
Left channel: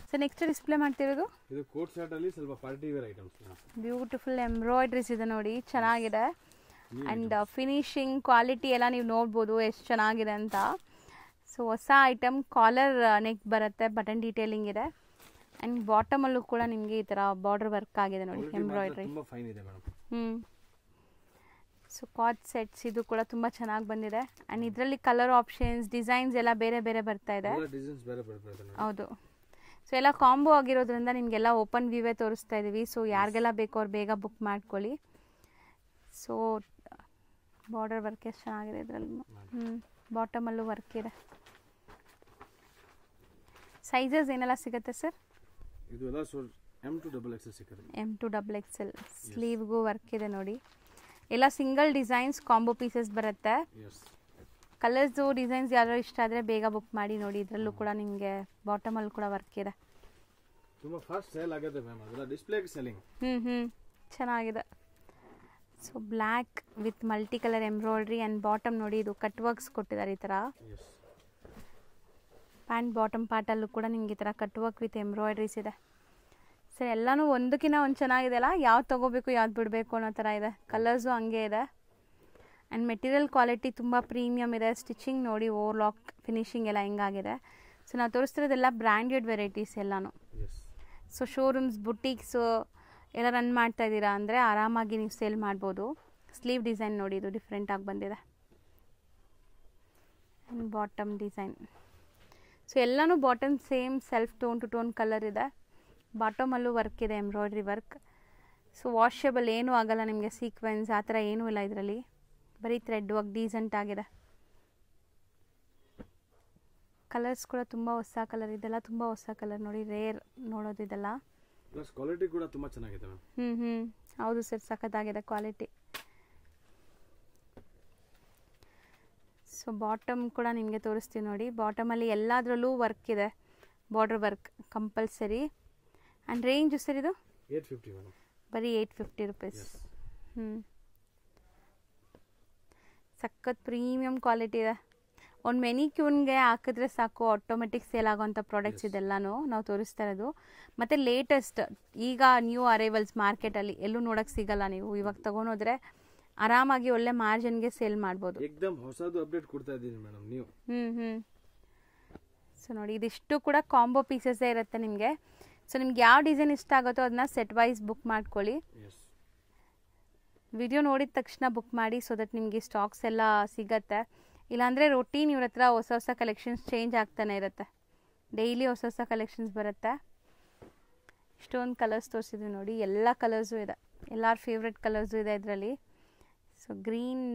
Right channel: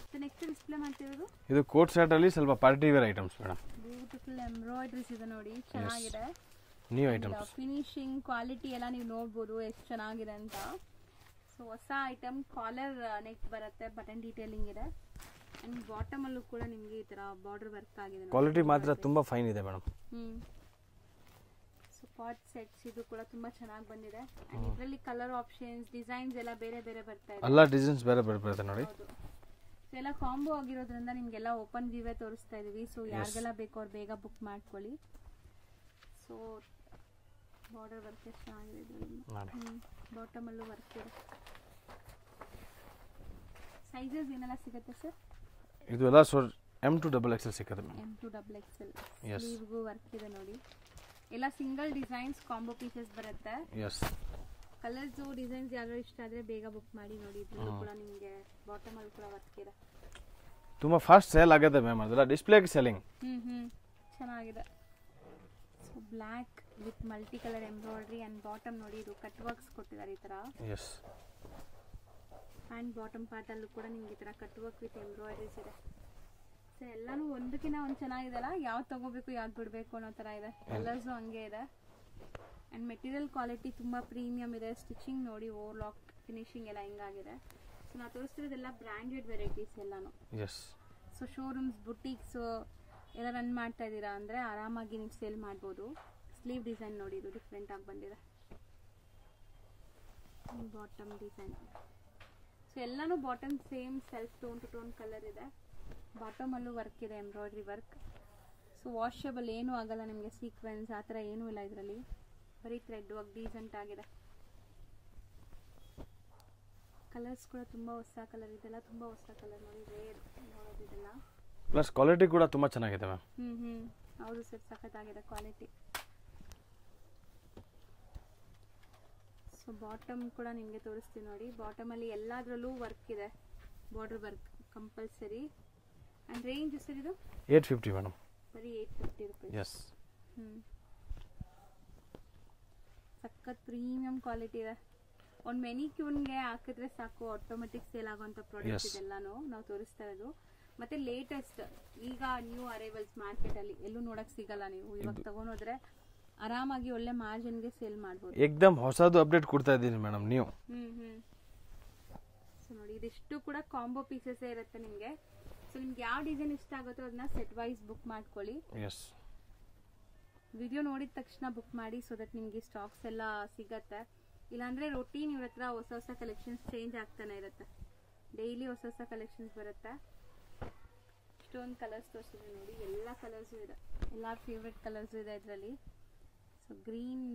ಸೊ ನೆಕ್ಸ್ಟ್ ಡಿಸ್ಪ್ಲೇ ಮಾಡ್ತಿರೋದು ಇದು ಕೋಟ್ ಸೆಟ್ ಅಲ್ಲಿ ಸ್ವಲ್ಪ party wear items madam. Beautiful embroideries ಇದೆ ನೋಡಿ, ಚೆನ್ನಾಗಿದೆ. ಅಂಡ್ ಫಿನಿಶಿಂಗ್ ಕ್ವಾಲಿಟಿ ಎಲ್ಲ ನೀವು ನೋಡ್ಬೋದು ಎಷ್ಟು ಚೆನ್ನಾಗಿದೆ ಅಂತ. ಸೊ ಹೊಸ ಐಟಮ್, ಕಾಲರ್ ನೆಕ್ ಬರುತ್ತೆ, ಬಟನ್ ಡೀಟೇಲಿಂಗ್ ಇದೆ. ಅಂಡ್ ಬಾಟಮ್ ಅಲ್ಲೂ ಕೂಡ ನಿಮಗೆ ಈ ತರ ಬಾರ್ಡರ್ ವರ್ಕ್ ಆಗಿದೆ ನೋಡಿ. ಕ್ವಾಲಿಟಿ ಮಾತ್ರ ತುಂಬಾ ಫೈನ್ ಇದೆ ಮೇಡಮ್. ಸೊ ಕಾಟ್ ಸೆಟ್ಸ್ ಇದು ಕೂಡ ತುಂಬಾ ಚೆನ್ನಾಗಿ ಬಂದಿದೆ. ಅಂಡ್ ಇದರಲ್ಲಿ ಕಲರ್ ಆಪ್ಷನ್ಸ್, ಡಿಸೈನ್ಸ್ ಎಲ್ಲ ಬೇರೆ ಬೇರೆ ಬರ್ತಾ ಇದೆ. ಎಲ್ಲ ಡಿಸೈನ್ಸ್ ಬೇರೆ ಬೇರೆ ಬರುತ್ತೆ ನೋಡಿ. ಹೌದು. ಸೊ ಎಲ್ಲ ಕಾಂಬೋ ಆಗಿರೋದ್ರಿಂದ ನಿಮಗೆಲ್ಲ ಓಪನ್ ವ್ಯೂವೇ ತೋರಿಸ್ತಾ ಇದೀವಿ. ಸೊ ಯಾರಿಗೆಲ್ಲ ಬೇಕೋ ಅವ್ರು ಬೇಗ ಬುಕ್ ಮಾಡ್ಕೊಳ್ಳಿ. ಸೊ ಬಾರ್ಡರ್ ವರ್ಕ್ ಎಷ್ಟು ಚೆನ್ನಾಗಿದೆ ಇದರಲ್ಲಿ. ಬಾಟಮ್ ಅಲ್ಲೂ ವರ್ಕ್ ಇದೆ. ಸೈಜಸ್ ಏನೆಲ್ಲ ಸಿಗುತ್ತೆ ಸರ್? ಇದು ಎಲ್ಲ M to XXL ಸಿಗುತ್ತೆ. M to XXL. ಸ್ಲೀವ್ಗೂ ವರ್ಕ್ ಇದೆ ನೋಡಿ. ಎಲ್ಲ ಸಿಂಗಲ್ ಡಿಸೈನ್ಸ್, ಕಾಂಬೋ ಪೀಸಸ್ ಬರುತ್ತೆ. ಕಲರ್ಸ್ ಡಿಸೈನ್ಸ್ ಯಾರು ಇಷ್ಟ ಆದ್ರೆ ಬೇಗ ಬುಕ್ ಮಾಡಿ ನೋಡಿ. ಇದರಲ್ಲೂ ಕೂಡ ನಿಮಗೆ ಬಾಟಮ್ ಅಲ್ಲಿ ಕೂಡ ವರ್ಕ್ ಇದೆ. ತುಂಬಾ ಫಾಸ್ಟ್ ಸೇಲ್ ಆಗುತ್ತೆ ಮ್ಯಾಮ್, ಅದರ ಡಿಸ್ಪ್ಲೇ ಸೆಲ್ಲಿಂಗ್. ಚೆನ್ನಾಗಿದೆ. So black with multi colour embroidery and bottom ನೋಡಿ, ಇದು ಕಟ್ ವರ್ಕ್ಸ್ ಕೊಟ್ಟಿದ್ದಾರೆ ಈ ತರ. ಪ್ಯಾಂಟ್ ಬಾಟಮ್ ಪಾರ್ಟ್ ಅಲ್ಲೂ ಕೂಡ ನಿಮ್ಗೆ ಈ ತರ ಕಟ್ ವರ್ಕ್ ವಿತ್ ಎಂಬ್ರಾಯ್ಡ್ರೀಸ್ ಇದೆ. ಸೊ ಎಲ್ಲಾನು ಒಂದಕ್ಕಿಂತ ಒಂದು ಚೆನ್ನಾಗಿದೆ ಅಲ್ಲ, ಯಾವ್ದು ತಗೋಬೇಕು ಯಾವ್ದು ಬಿಡಬೇಕು ಅನ್ನೋ ಥರ ಇದೆ. ಕಲರ್ಸು ಹಂಗೆ ಇದೆ. ಆ್ಯಂಡ್ ಮೆಟೀರಿಯಲ್ ಕ್ವಾಲಿಟಿ ತುಂಬ ಪ್ರೀಮಿಯಮ್ ಇದೆ. ಸ್ಟಿಚಿಂಗ್ ನೋಡಿ, ಓವರ್ಲಾಕ್ ಫಿನಿಶಿಂಗ್ ಎಲ್ಲ ಹೆಂಗಾಗಿದೆ. ಸೊ ನಾವು ತೋರಿಸ್ತಿರೋದೆಲ್ಲ ಬ್ರ್ಯಾಂಡೆಡ್ ವೆರೈಟೀಸ್ ಎಲ್ಲಾನು. ಸೊ ಶೋರೂಮ್ಸ್, ಬುಟೀಕ್ಸು ಎಲ್ಲ ರನ್ ಮಾಡ್ತಾ ಇದ್ದೀರಾ ಅಂದರೆ ಆರಾಮಾಗಿ ನೀವು ಸೇಲ್ ಮಾಡ್ಬೋದು. ಸ್ಲೀವ್ ಡಿಸೈನ್ ನೋಡಿ, ಇದು ಡಿಫ್ರೆಂಟ್ ಆಗಿ ಬಂದಿದೆ. Bottom design. ಸೊ ಎಲ್ಲನೂ bottom same self tone to tone colour ಇದೆ. ಬಾಟಮಲ್ಲೂ ವರ್ಕ್ ಇದೆ, ಎಂಬ್ರಾಯ್ಡ್ರಿ ವರ್ಕ್. ಸೊ ವಾಷೇಬಲ್ ಏನೂ ಆಗಲ್ಲ ನಿಮಗೆ, ಸೀಕ್ವೆನ್ಸ್ ಆ ಥರ ಏನೂ ಇಲ್ಲ ಇದರಲ್ಲಿ. ಬರೀ ಥ್ರೆಡ್ ವರ್ಕ್ ಡೀಸೆಂಟ್ ಆಗಿದೆ. ಕಲರ್ಸ್ ಕೂಡ ತುಂಬ ಹೊಸ ಕಲರ್, ಇದೆಲ್ಲ ತುಂಬ ಹೊಸ ಕಲರ್ ನೋಡಿ, ರೇರ್ ನೋಡೋದು ಇದೆಲ್ಲ. ಪ್ಲಸ್ ಕ್ವಾಲಿಟಿ ಕೂಡ ತುಂಬ ಚೆನ್ನಾಗಿದೆ ಮ್ಯಾಮ್. ಹೌದು ಸರ್, ಸಖತ್ತಾಗಿದೆ ಕ್ವಾಲಿಟಿ. ಸೊ ಬಾಟಮ್ ಕೂಡ ನಿಮಗೆ ತೋರಿಸ್ತೀವಿ ನೋಡಿ. ಬಾಟಮಲ್ಲಿ ಎಲ್ಲದರಲ್ಲೂ ವರ್ಕ್ ಇದೆ, border work compulsory. And range sir ಇದು 850 ಮೇಡಮ್. ಬರೀ 850 ರೂಪೀಸ್. ಸಖತ್ ಪ್ರೀಮಿಯಂ ಕ್ವಾಲಿಟಿ ಇದೆ. ಒಂದು ಮೆನಿಕ್ಯೂನ್ಗೆ ಹಾಕಿದ್ರೆ ಸಾಕು, ಆಟೋಮೆಟಿಕ್ ಸೇಲ್ ಆಗೋವಂಥ ಪ್ರಾಡಕ್ಟ್ಸ್ ಇದೆಲ್ಲನೂ ನಾವು ತೋರಿಸ್ತಾ ಇರೋದು. ಮತ್ತು ಲೇಟೆಸ್ಟ್ ಈಗ ನ್ಯೂ ಅರೈವಲ್ಸ್ ಮಾರ್ಕೆಟಲ್ಲಿ ಎಲ್ಲೂ ನೋಡೋಕ್ಕೆ ಸಿಗಲ್ಲ. ನೀವು ಇವಾಗ ತಗೊಂಡೋದ್ರೆ ಆರಾಮಾಗಿ ಒಳ್ಳೆ ಮಾರ್ಜಿನ್ಗೆ ಸೇಲ್ ಮಾಡ್ಬೋದು. ಏಕದಮ್ ಹೊಸದು ಅಪ್ಡೇಟ್ ಕೊಡ್ತಾ ಇದ್ದೀನಿ ಮೇಡಮ್ ನೀವು. ಸೊ ನೋಡಿ, ಇದಿಷ್ಟು ಕೂಡ ಕಾಂಬೋ ಪೀಸಸ್ಸೇ ಇರುತ್ತೆ ನಿಮಗೆ. ಸೊ ನಿಮ್ಗೆ ಯಾವ ಡಿಸೈನ್ ಇಷ್ಟ ಆಗುತ್ತೋ ಅದನ್ನ ಸೆಟ್ ವೈಸ್ ಬುಕ್ ಮಾಡ್ಕೊಳ್ಳಿ. ವಿಡಿಯೋ ನೋಡಿದ ತಕ್ಷಣ ಬುಕ್ ಮಾಡಿ, ಸೊ ದಟ್ ನಿಮಗೆ ಸ್ಟಾಕ್ಸ್ ಎಲ್ಲ ಸಿಗತ್ತೆ. ಇಲ್ಲಾಂದರೆ ರೊಟೀನ್ ಇವ್ರ ಹತ್ರ ಹೊಸ ಹೊಸ ಕಲೆಕ್ಷನ್ಸ್ ಚೇಂಜ್ ಆಗ್ತಾನೆ ಇರುತ್ತೆ. ಡೈಲಿ ಹೊಸ ಹೊಸ ಕಲೆಕ್ಷನ್ಸ್ ಬರುತ್ತೆ. ಇಷ್ಟೊಂದು ಕಲರ್ಸ್ ತೋರಿಸಿದ್ವಿ ನೋಡಿ, ಎಲ್ಲ ಕಲರ್ಸು ಇದೆ, ಎಲ್ಲರ ಫೇವ್ರೆಟ್ ಕಲರ್ಸು ಇದೆ ಇದರಲ್ಲಿ. So green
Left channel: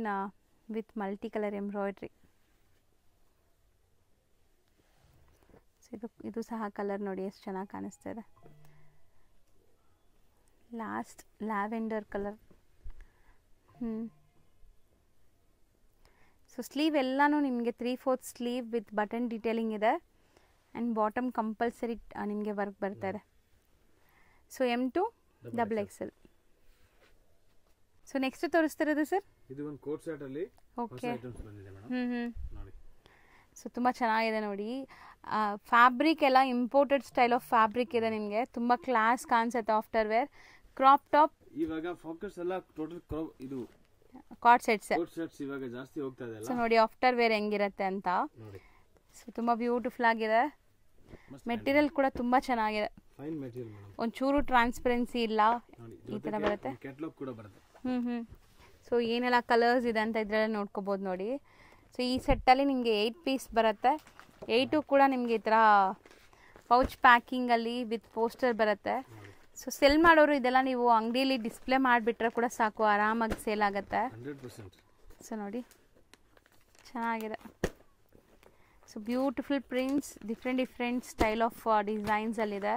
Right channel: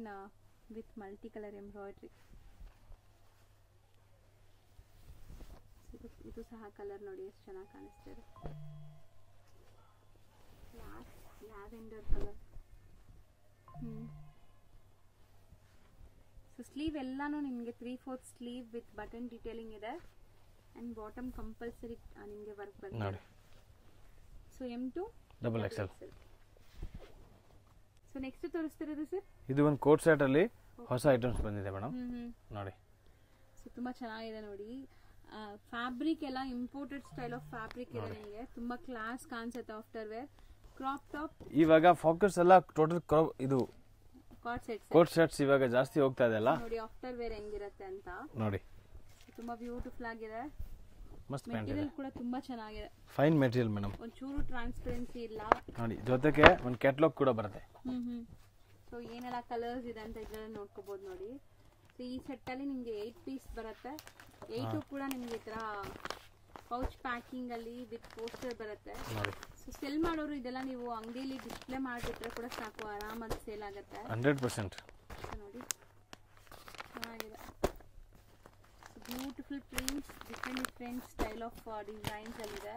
with multi colour embroidery. ಇದು ಸಹ ಕಲರ್ ನೋಡಿ ಎಷ್ಟು ಚೆನ್ನಾಗಿ ಕಾಣಿಸ್ತಾ ಇದೆ. Last lavender colour. So sleeve ಎಲ್ಲಾನು ನಿಮಗೆ 3/4 ಸ್ಲೀವ್ ವಿತ್ ಬಟನ್ ಡೀಟೇಲಿಂಗ್ ಇದೆ. ಆ್ಯಂಡ್ ಬಾಟಮ್ ಕಂಪಲ್ಸರಿ ನಿಮಗೆ ವರ್ಕ್ ಬರ್ತಾ ಇದೆ. So M to XXL. So next ತೋರಿಸ್ತಿರೋದು ಸರ್, ಇದು ಒಂದು ಕೋಟ್ ಸೆಟ್ ಅಲ್ಲಿ ಹೊಸ ಐಟಮ್ಸ್ ಬಂದಿದೆ ಮೇಡಮ್ ನೋಡಿ. ಸೊ ತುಂಬ ಚೆನ್ನಾಗಿದೆ ನೋಡಿ. ಫ್ಯಾಬ್ರಿಕ್ ಎಲ್ಲ ಇಂಪೋರ್ಟೆಡ್ ಸ್ಟೈಲ್ ಆಫ್ ಫ್ಯಾಬ್ರಿಕ್ ಇದೆ ನಿಮಗೆ, ತುಂಬ class concept. After wear crop top. ಇವಾಗ ಫೋಕಸ್ ಎಲ್ಲ ಟೋಟಲ್ ಇದು ಕಾಟ್ ಸೆಟ್ಸ್ ಇವಾಗ ಜಾಸ್ತಿ ಹೋಗ್ತಾ ಇದೆ ಅಲ್ಲ. ನೋಡಿ ಆಫ್ಟರ್ ವೇರ್ ಹೆಂಗಿರುತ್ತೆ ಅಂತ ನೋಡಿ. ಸೊ ತುಂಬ ಬ್ಯೂಟಿಫುಲ್ ಆಗಿದೆ. ಮೆಟೀರಿಯಲ್ ಕೂಡ ತುಂಬಾ ಚೆನ್ನಾಗಿದೆ, ಫೈನ್ ಮೆಟೀರಿಯಲ್ ಮೇಡಮ್, ಒಂಚೂರು ಟ್ರಾನ್ಸ್ಪರೆನ್ಸಿ ಇಲ್ಲ ನೋಡಿ. ಜೊತೆಗೆ ಒಂದು ಕ್ಯಾಟಲಾಗ್ ಕೂಡ ಬರುತ್ತೆ. ಸೊ ಏನೆಲ್ಲ ಕಲರ್ಸ್ ಇದೆ ಅಂತ ಇದ್ರಲ್ಲಿ ನೋಡ್ಕೋಬಹುದು ನೋಡಿ. ಸೊ ಈ ಸೆಟ್ಟಲ್ಲಿ ನಿಮಗೆ 8 ಪೀಸ್ ಬರುತ್ತೆ. 8 ಕೂಡ ನಿಮಗೆ ಈ ಥರ ಪೌಚ್ ಪ್ಯಾಕಿಂಗಲ್ಲಿ ವಿತ್ ಪೋಸ್ಟರ್ ಬರುತ್ತೆ. ಸೊ ಸೆಲ್ ಮಾಡೋರು ಇದೆಲ್ಲ ನೀವು ಅಂಗಡಿಯಲ್ಲಿ ಡಿಸ್ಪ್ಲೇ ಮಾಡಿಬಿಟ್ರೆ ಕೂಡ ಸಾಕು, ಆರಾಮಾಗಿ ಸೇಲ್ ಆಗುತ್ತೆ 100%. ಸೊ ನೋಡಿ ಚೆನ್ನಾಗಿದೆ. So beautiful prints, different style of ಡಿಸೈನ್ಸಲ್ಲಿದೆ.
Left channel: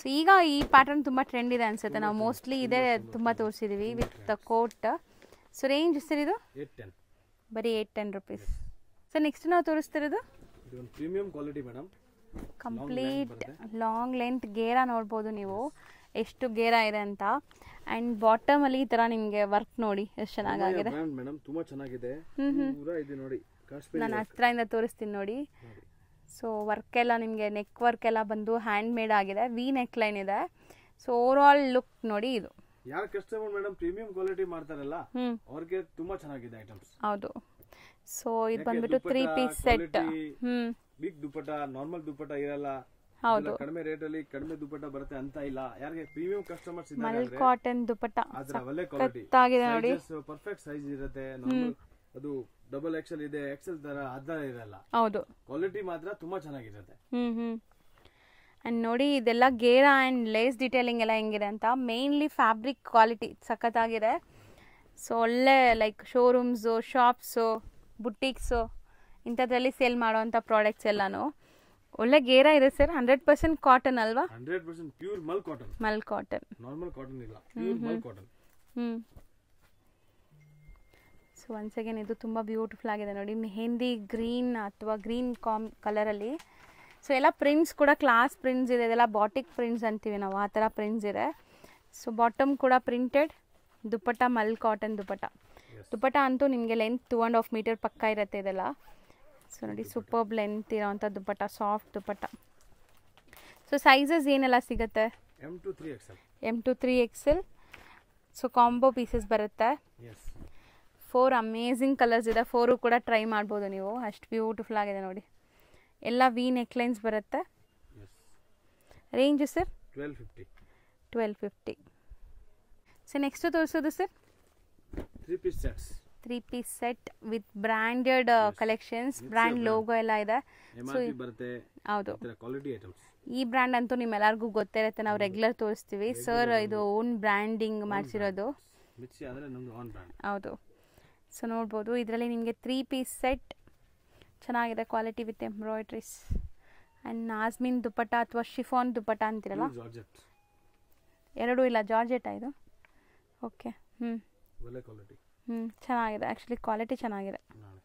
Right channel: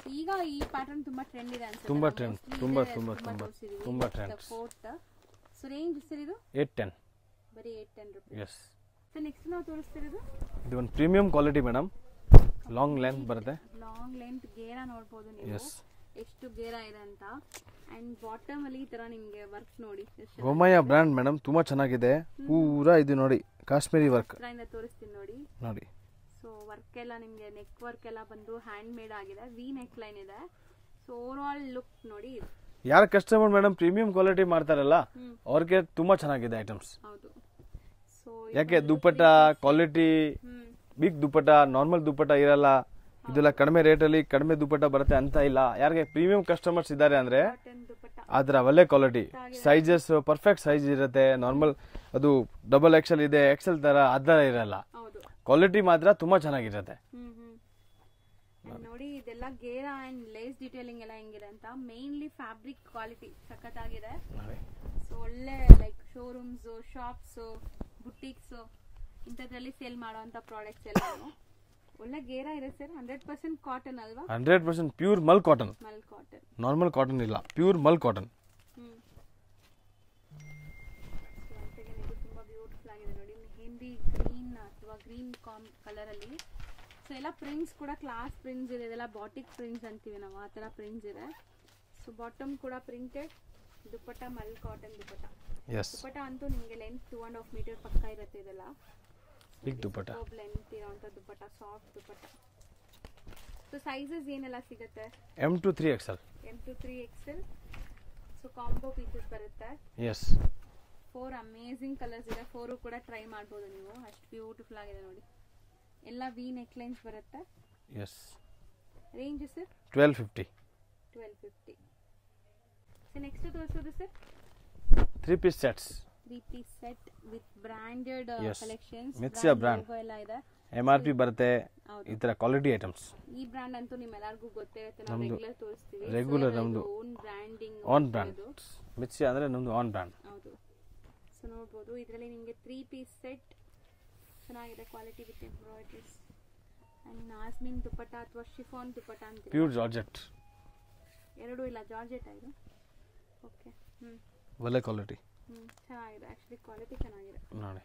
ಸೊ ಈಗ ಈ ಪ್ಯಾಟರ್ನ್ ತುಂಬ ಟ್ರೆಂಡ್ ಇದೆ ಅನ್ಸುತ್ತೆ. ನಾವು ಮೋಸ್ಟ್ಲಿ ಇದೇ ತುಂಬ ತೋರಿಸಿದ್ದೀವಿ with coat. So range sir ಇದು 810, ಬರೀ 810 ರುಪೀಸ್. ಸೊ ನೆಕ್ಸ್ಟ್ ನಾವು ತೋರಿಸ್ತಿರೋದು ಇದು ಒಂದು premium quality madam, long length ಬರುತ್ತೆ. ಲಾಂಗ್ ಲೆಂತ್ ಗೇರ ನೋಡ್ಬೋದು ನೀವು ಎಷ್ಟು ಗೇರ ಇದೆ ಅಂತ. ಅಂಡ್ ಬಾಟಮ್ ಅಲ್ಲಿ ಈ ತರ ನಿಮಗೆ ವರ್ಕ್ ನೋಡಿ ಎಷ್ಟು ಚೆನ್ನಾಗಿದೆ. ಒಮಯ ಬ್ರ್ಯಾಂಡ್ ಮೇಡಮ್, ತುಂಬಾ ಚೆನ್ನಾಗಿದೆ. ಪೂರಾ ಇದು ನೋಡಿ ಕಾಶ್ಮೀರಿ ವರ್ಕ್. ಹತ್ರದಿಂದ ತೋರಿಸ್ತೀನಿ ನೋಡಿ. ಸೊ ವರ್ಕ್ ಎಲ್ಲ ನಿಮಗೆ ನೆಕ್ ವರ್ಕ್ ಎಲ್ಲ ಬಂದು ಹ್ಯಾಂಡ್ ಮೇಡ್ ಆಗಿದೆ, ವಿ ನೆಕ್ ಲೈನ್ ಇದೆ. ಸೊ ಓವರ್ ಆಲ್ ಲುಕ್ ನೋಡಿ ಇದು. ಯಾರ ಕಸ್ಟಮರ್ ಮೇಡಮ್ ಪ್ರೀಮಿಯಂ ಕ್ವಾಲಿಟಿ ಮಾಡ್ತಾರಲ್ಲ ಅವ್ರಿಗೆ ತುಂಬಾ ಚೆನ್ನಾಗಿದೆ ಐಟಮ್ಸ್. ಹೌದು. ಸೊ ಯಾಕೆ ದುಪ್ಪಟ್ಟ ಕ್ವಾಲಿಟಿ, ಬಿಗ್ ದುಪ್ಪಟ್ಟ, ನಾರ್ಮಲ್ ದುಪ್ಪಟ್ಟ ಇರಲ್ಲ, ಇದೆಲ್ಲ ಕಡಿಮೆ ರೇಟ್ ಅಲ್ಲಿ ಕಡಿಮೆ ದುಪ್ಪಟ್ಟ ಬರುತ್ತೆ ಅಂತ ಇಲ್ಲ. ಯಾರಿಗೆ ಪ್ರೀಮಿಯಂ ಕಸ್ಟಮರ್ಸ್ ಇದ್ದಾರೆ ಅಂದ್ರೆ ಅದರ ಒಳ್ಳೆ ಕ್ವಾಲಿಟಿ, ಸೈಜಸ್ ಪರ್ಫೆಕ್ಟ್ ಸೈಜ್ ಇರುತ್ತೆ. ನಾರ್ಮಲ್ ಅದು ಡಬಲ್ ಎಕ್ಸೆಲ್ ಇದೆ, ಎಕ್ಸೆಲ್ ತರ ಅದರ ಇರಲ್ಲ. ಹೌದು, ಕ್ವಾಲಿಟಿ ಮಾತ್ರ ತುಂಬಾ ಚೆನ್ನಾಗಿರುತ್ತೆ. ಅಂಡ್ ನೋಡಿ ಇದೆಲ್ಲ ಗೇರ ಅಂಡ್ ಲೇಸ್ ಡಿಟೇಲಿಂಗ್ ಎಲ್ಲ ಹೆಂಗಿದೆ ಅಂತ. ಮೇನ್ಲಿ ಫ್ಯಾಬ್ರಿಕ್ ಕ್ವಾಲಿಟಿ ಸಖತ್ತಾಗಿದೆ. ಸೊ ಒಳ್ಳೆ ಲೈಕ್ ಶೋರೂಮ್ಸು, ಶಾಪ್ಸು, ಬುಟೀಕ್ಸು ಇಂಥದ್ರಲ್ಲಿ ಸೇಲ್ ಮಾಡೋವಂಥ ಪ್ರಾಡಕ್ಟ್ಸ್ ಎಲ್ಲಾನು ಒಳ್ಳೆ ಗೇರ ಇದೆ ಸರ್. 100% ಕಾಟನ್ ಅಲ್ವಾ? 100% pure mul cotton. Mul cotton, normal cotton ಇಲ್ಲ, pure mul cotton. So once again ಇದು ತುಂಬ ಬ್ಯೂಟಿಫುಲ್ ಆಗಿದೆ ನೋಡಿ, ಮೆಹಂದಿ ಗ್ರೀನ್ ಅಥವಾ ಗ್ರೀನ್ ಕಲರಲ್ಲಿ. ಸೊ ಎಲ್ಲ ಪ್ರಿಂಟ್ಸ್ ಕೂಡ ಕ್ಲಾಸ್ ಪ್ರಿಂಟ್ಸ್ ಇದೆ, ಇದೆಲ್ಲ ಬಾಟಿಕ್ ಪ್ರಿಂಟ್ಸ್ ಅಂತೀವಿ ನಾವು, ಆ ಥರ ಪ್ರಿಂಟ್ಸ್ ಇದೆ. ಸೊ ಬಾಟಮ್ ಕೂಡ ಪ್ರಿಂಟೆಡ್, ದುಪ್ಪಟ್ಟ ಮಲ್ ಕಾಟನ್ ದುಪ್ಪಟ್ಟ. ದುಪ್ಪಟ್ಟ ಅಂತೂ ನಿಮಗೆ ಲೆಂತ್ 2.5 ಮೀಟರ್ ಪಕ್ಕ ಇರುತ್ತೆ ಇದೆಲ್ಲ. ಸೊ ನೋಡಿ ಸೂಪರ್ಬ್ ಲೆಂತ್ ಇರೋಂಥ ದುಪ್ಪಟ್ಟ, ಸಾಫ್ಟ್ ದುಪ್ಪಟ್ಟ. ಸೊ ಸೈಜಸ್ ಏನೆಲ್ಲ ಸಿಗುತ್ತೆ? M to 3XL. M to 3XL. So combo pieces ಬರುತ್ತೆ. 4 ಅಮೇಝಿಂಗ್ ಕಲರ್ಸ್ ಇದೆ, 4 ಕೂಡ ಟ್ರೈ ಮಾಡ್ಬೋದು ನೀವು, ಅಷ್ಟು ಬ್ಯೂಟಿಫುಲ್ ಆಗಿದೆ ನೋಡಿ. ಎಲ್ಲ ವಿ ನೆಕ್ ಲೈನ್ಸ್ ಬರುತ್ತೆ. Range sir 1250. ಸೊ ನೆಕ್ಸ್ಟ್ ತೋರಿಸೋದು sir 3 piece sets. 3 piece set with branded collections, brand logo ಎಲ್ಲ ಇದೆ. MRP ಬರುತ್ತೆ. ಈ ತರ ಕ್ವಾಲಿಟಿ ಐಟಮ್ಸ್. ಈ ಬ್ರಾಂಡ್ ಅಂತೂ ನಿಮ್ಮೆಲ್ಲರಿಗೂ ಗೊತ್ತಿರುತ್ತೆ, ನಾವು ರೆಗ್ಯುಲರ್ ತೋರಿಸ್ತೀವಿ ಸರ್. ಇದು ಓನ್ ಬ್ರ್ಯಾಂಡಿಂಗ್ ಮಾಡಿರೋದು. ಮಿರ್ಚಿ ಅಂದ್ರೆ ನಮ್ದು ಓನ್ ಬ್ರಾಂಡ್. ಹೌದು. ಸೊ ನೋಡ್ಬೋದು ಇದರಲ್ಲಿ ನಿಮಗೆ 3 ಪೀಸ್ ಸೆಟ್ ಚೆನ್ನಾಗಿದೆ, ಕ್ವಾಲಿಟಿ ವಿತ್ ಎಂಬ್ರಾಯ್ಡ್ರೀಸ್ ಅಂಡ್ ನಾಜ್ಮಿನ್ ದುಪ್ಪಟ್ಟ ಅಥವಾ ಶಿಫಾನ್ ದುಪ್ಪಟ್ಟ ಅಂತೀರಲ್ಲ. Pure georgette. ಎರಡೂ ಇಲ್ಲ, ಜಾರ್ಜೆಟ್ ಇದು. ಓಕೆ. ಒಳ್ಳೆ ಕ್ವಾಲಿಟಿ. ಚೆನ್ನಾಗಿದೆ, ಆ್ಯಕ್ಚುಲಿ ಕ್ವಾಲಿಟಿ ಚೆನ್ನಾಗಿದೆ ನೋಡಿ.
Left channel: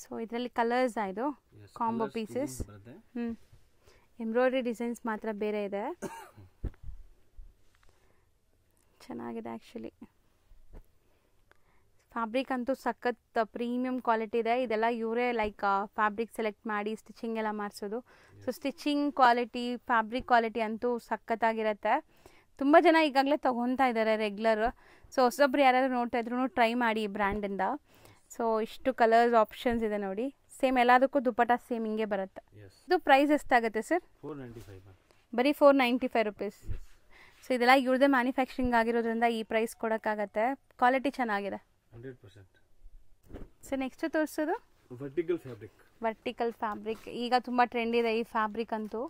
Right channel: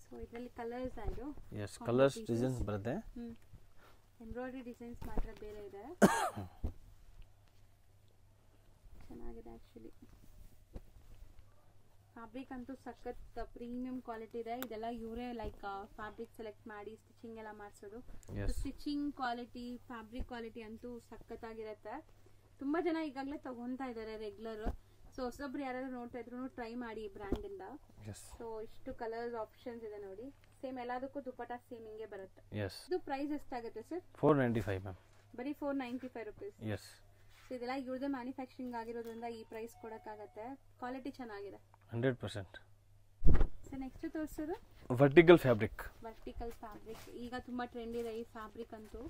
ಸೊ ಇದರಲ್ಲಿ ಕಲರ್ಸ್ ಆಯಿತು, ಕಾಂಬೋ ಪೀಸಸ್ ಬರುತ್ತೆ. ಎಂಬ್ರಾಯ್ಡ್ರಿ ಡಿಸೈನ್ಸ್ ಮಾತ್ರ ಬೇರೆ ಇದೆ. ಚೆನ್ನಾಗಿದೆ ಆ್ಯಕ್ಚುಲಿ. ಫ್ಯಾಬ್ರಿಕ್ ಅಂತೂ ಸಖತ್ ಪ್ರೀಮಿಯಂ ಕ್ವಾಲಿಟಿ ಇದೆ. ಇದೆಲ್ಲ ಇವರೇ ಲೈಕ್ ಫ್ಯಾಬ್ರಿಕ್ ಸೆಲೆಕ್ಟ್ ಮಾಡಿ ಸ್ಟಿಚಿಂಗ್ ಎಲ್ಲ ಮಾಡಿಸೋದು. So stitching quality, fabric quality ಅಂತೂ ಸಖತ್ತಾಗಿರುತ್ತೆ. ತುಂಬ ಜನ ಈಗಾಗಲೇ ತೊಗೊತಾ ಇದ್ದಾರೆ ರೆಗ್ಯುಲರ್. ಸೊ ಹೊಸೊಬ್ರು ಯಾರು ನೋಡ್ತಾ ಇದ್ರು ಟ್ರೈ ಮಾಡಿ ಈ ಬ್ರ್ಯಾಂಡಿಂದ. ಸೊ ಇಷ್ಟು ಕಲರ್ಸ್ ಆಪ್ಷನ್ಸ್ ಇದೆ ನೋಡಿ. ಸೇಮ್ ಎಲ್ಲದಕ್ಕೂ ದುಪ್ಪಟ್ಟ ಸೇಮ್ ಹಿಂಗೆ ಬರುತ್ತೆ. ಇದು ಪ್ರೈಸ್ ಎಷ್ಟಾಗುತ್ತೆ ಸರ್? 495 ಮ್ಯಾಮ್. ಬರೀ 495 ರುಪೀಸ್. ಸೊ ಇದೆಲ್ಲ ಇವ್ರದೇ ಮ್ಯಾನುಫ್ಯಾಕ್ಚರಿಂಗ್ ಆಗಿರೋದ್ರಿಂದ ಈ ಪ್ರೈಸ್ ಕೊಡೋಕ್ಕಾಗತ್ತೆ. ಕ್ವಾಲಿಟಿ ಚೆನ್ನಾಗಿದೆ 100%. ಸೊ ನೆಕ್ಸ್ಟ್ ತೋರಿಸೋದು ವರ್ಟಿಕಲ್ ಫ್ಯಾಬ್ರಿಕ್. ಈಗ ತುಂಬಾ ಟ್ರೆಂಡ್ ಇದೆ ಈ ಫ್ಯಾಬ್ರಿಕ್ ಅಂತೂ.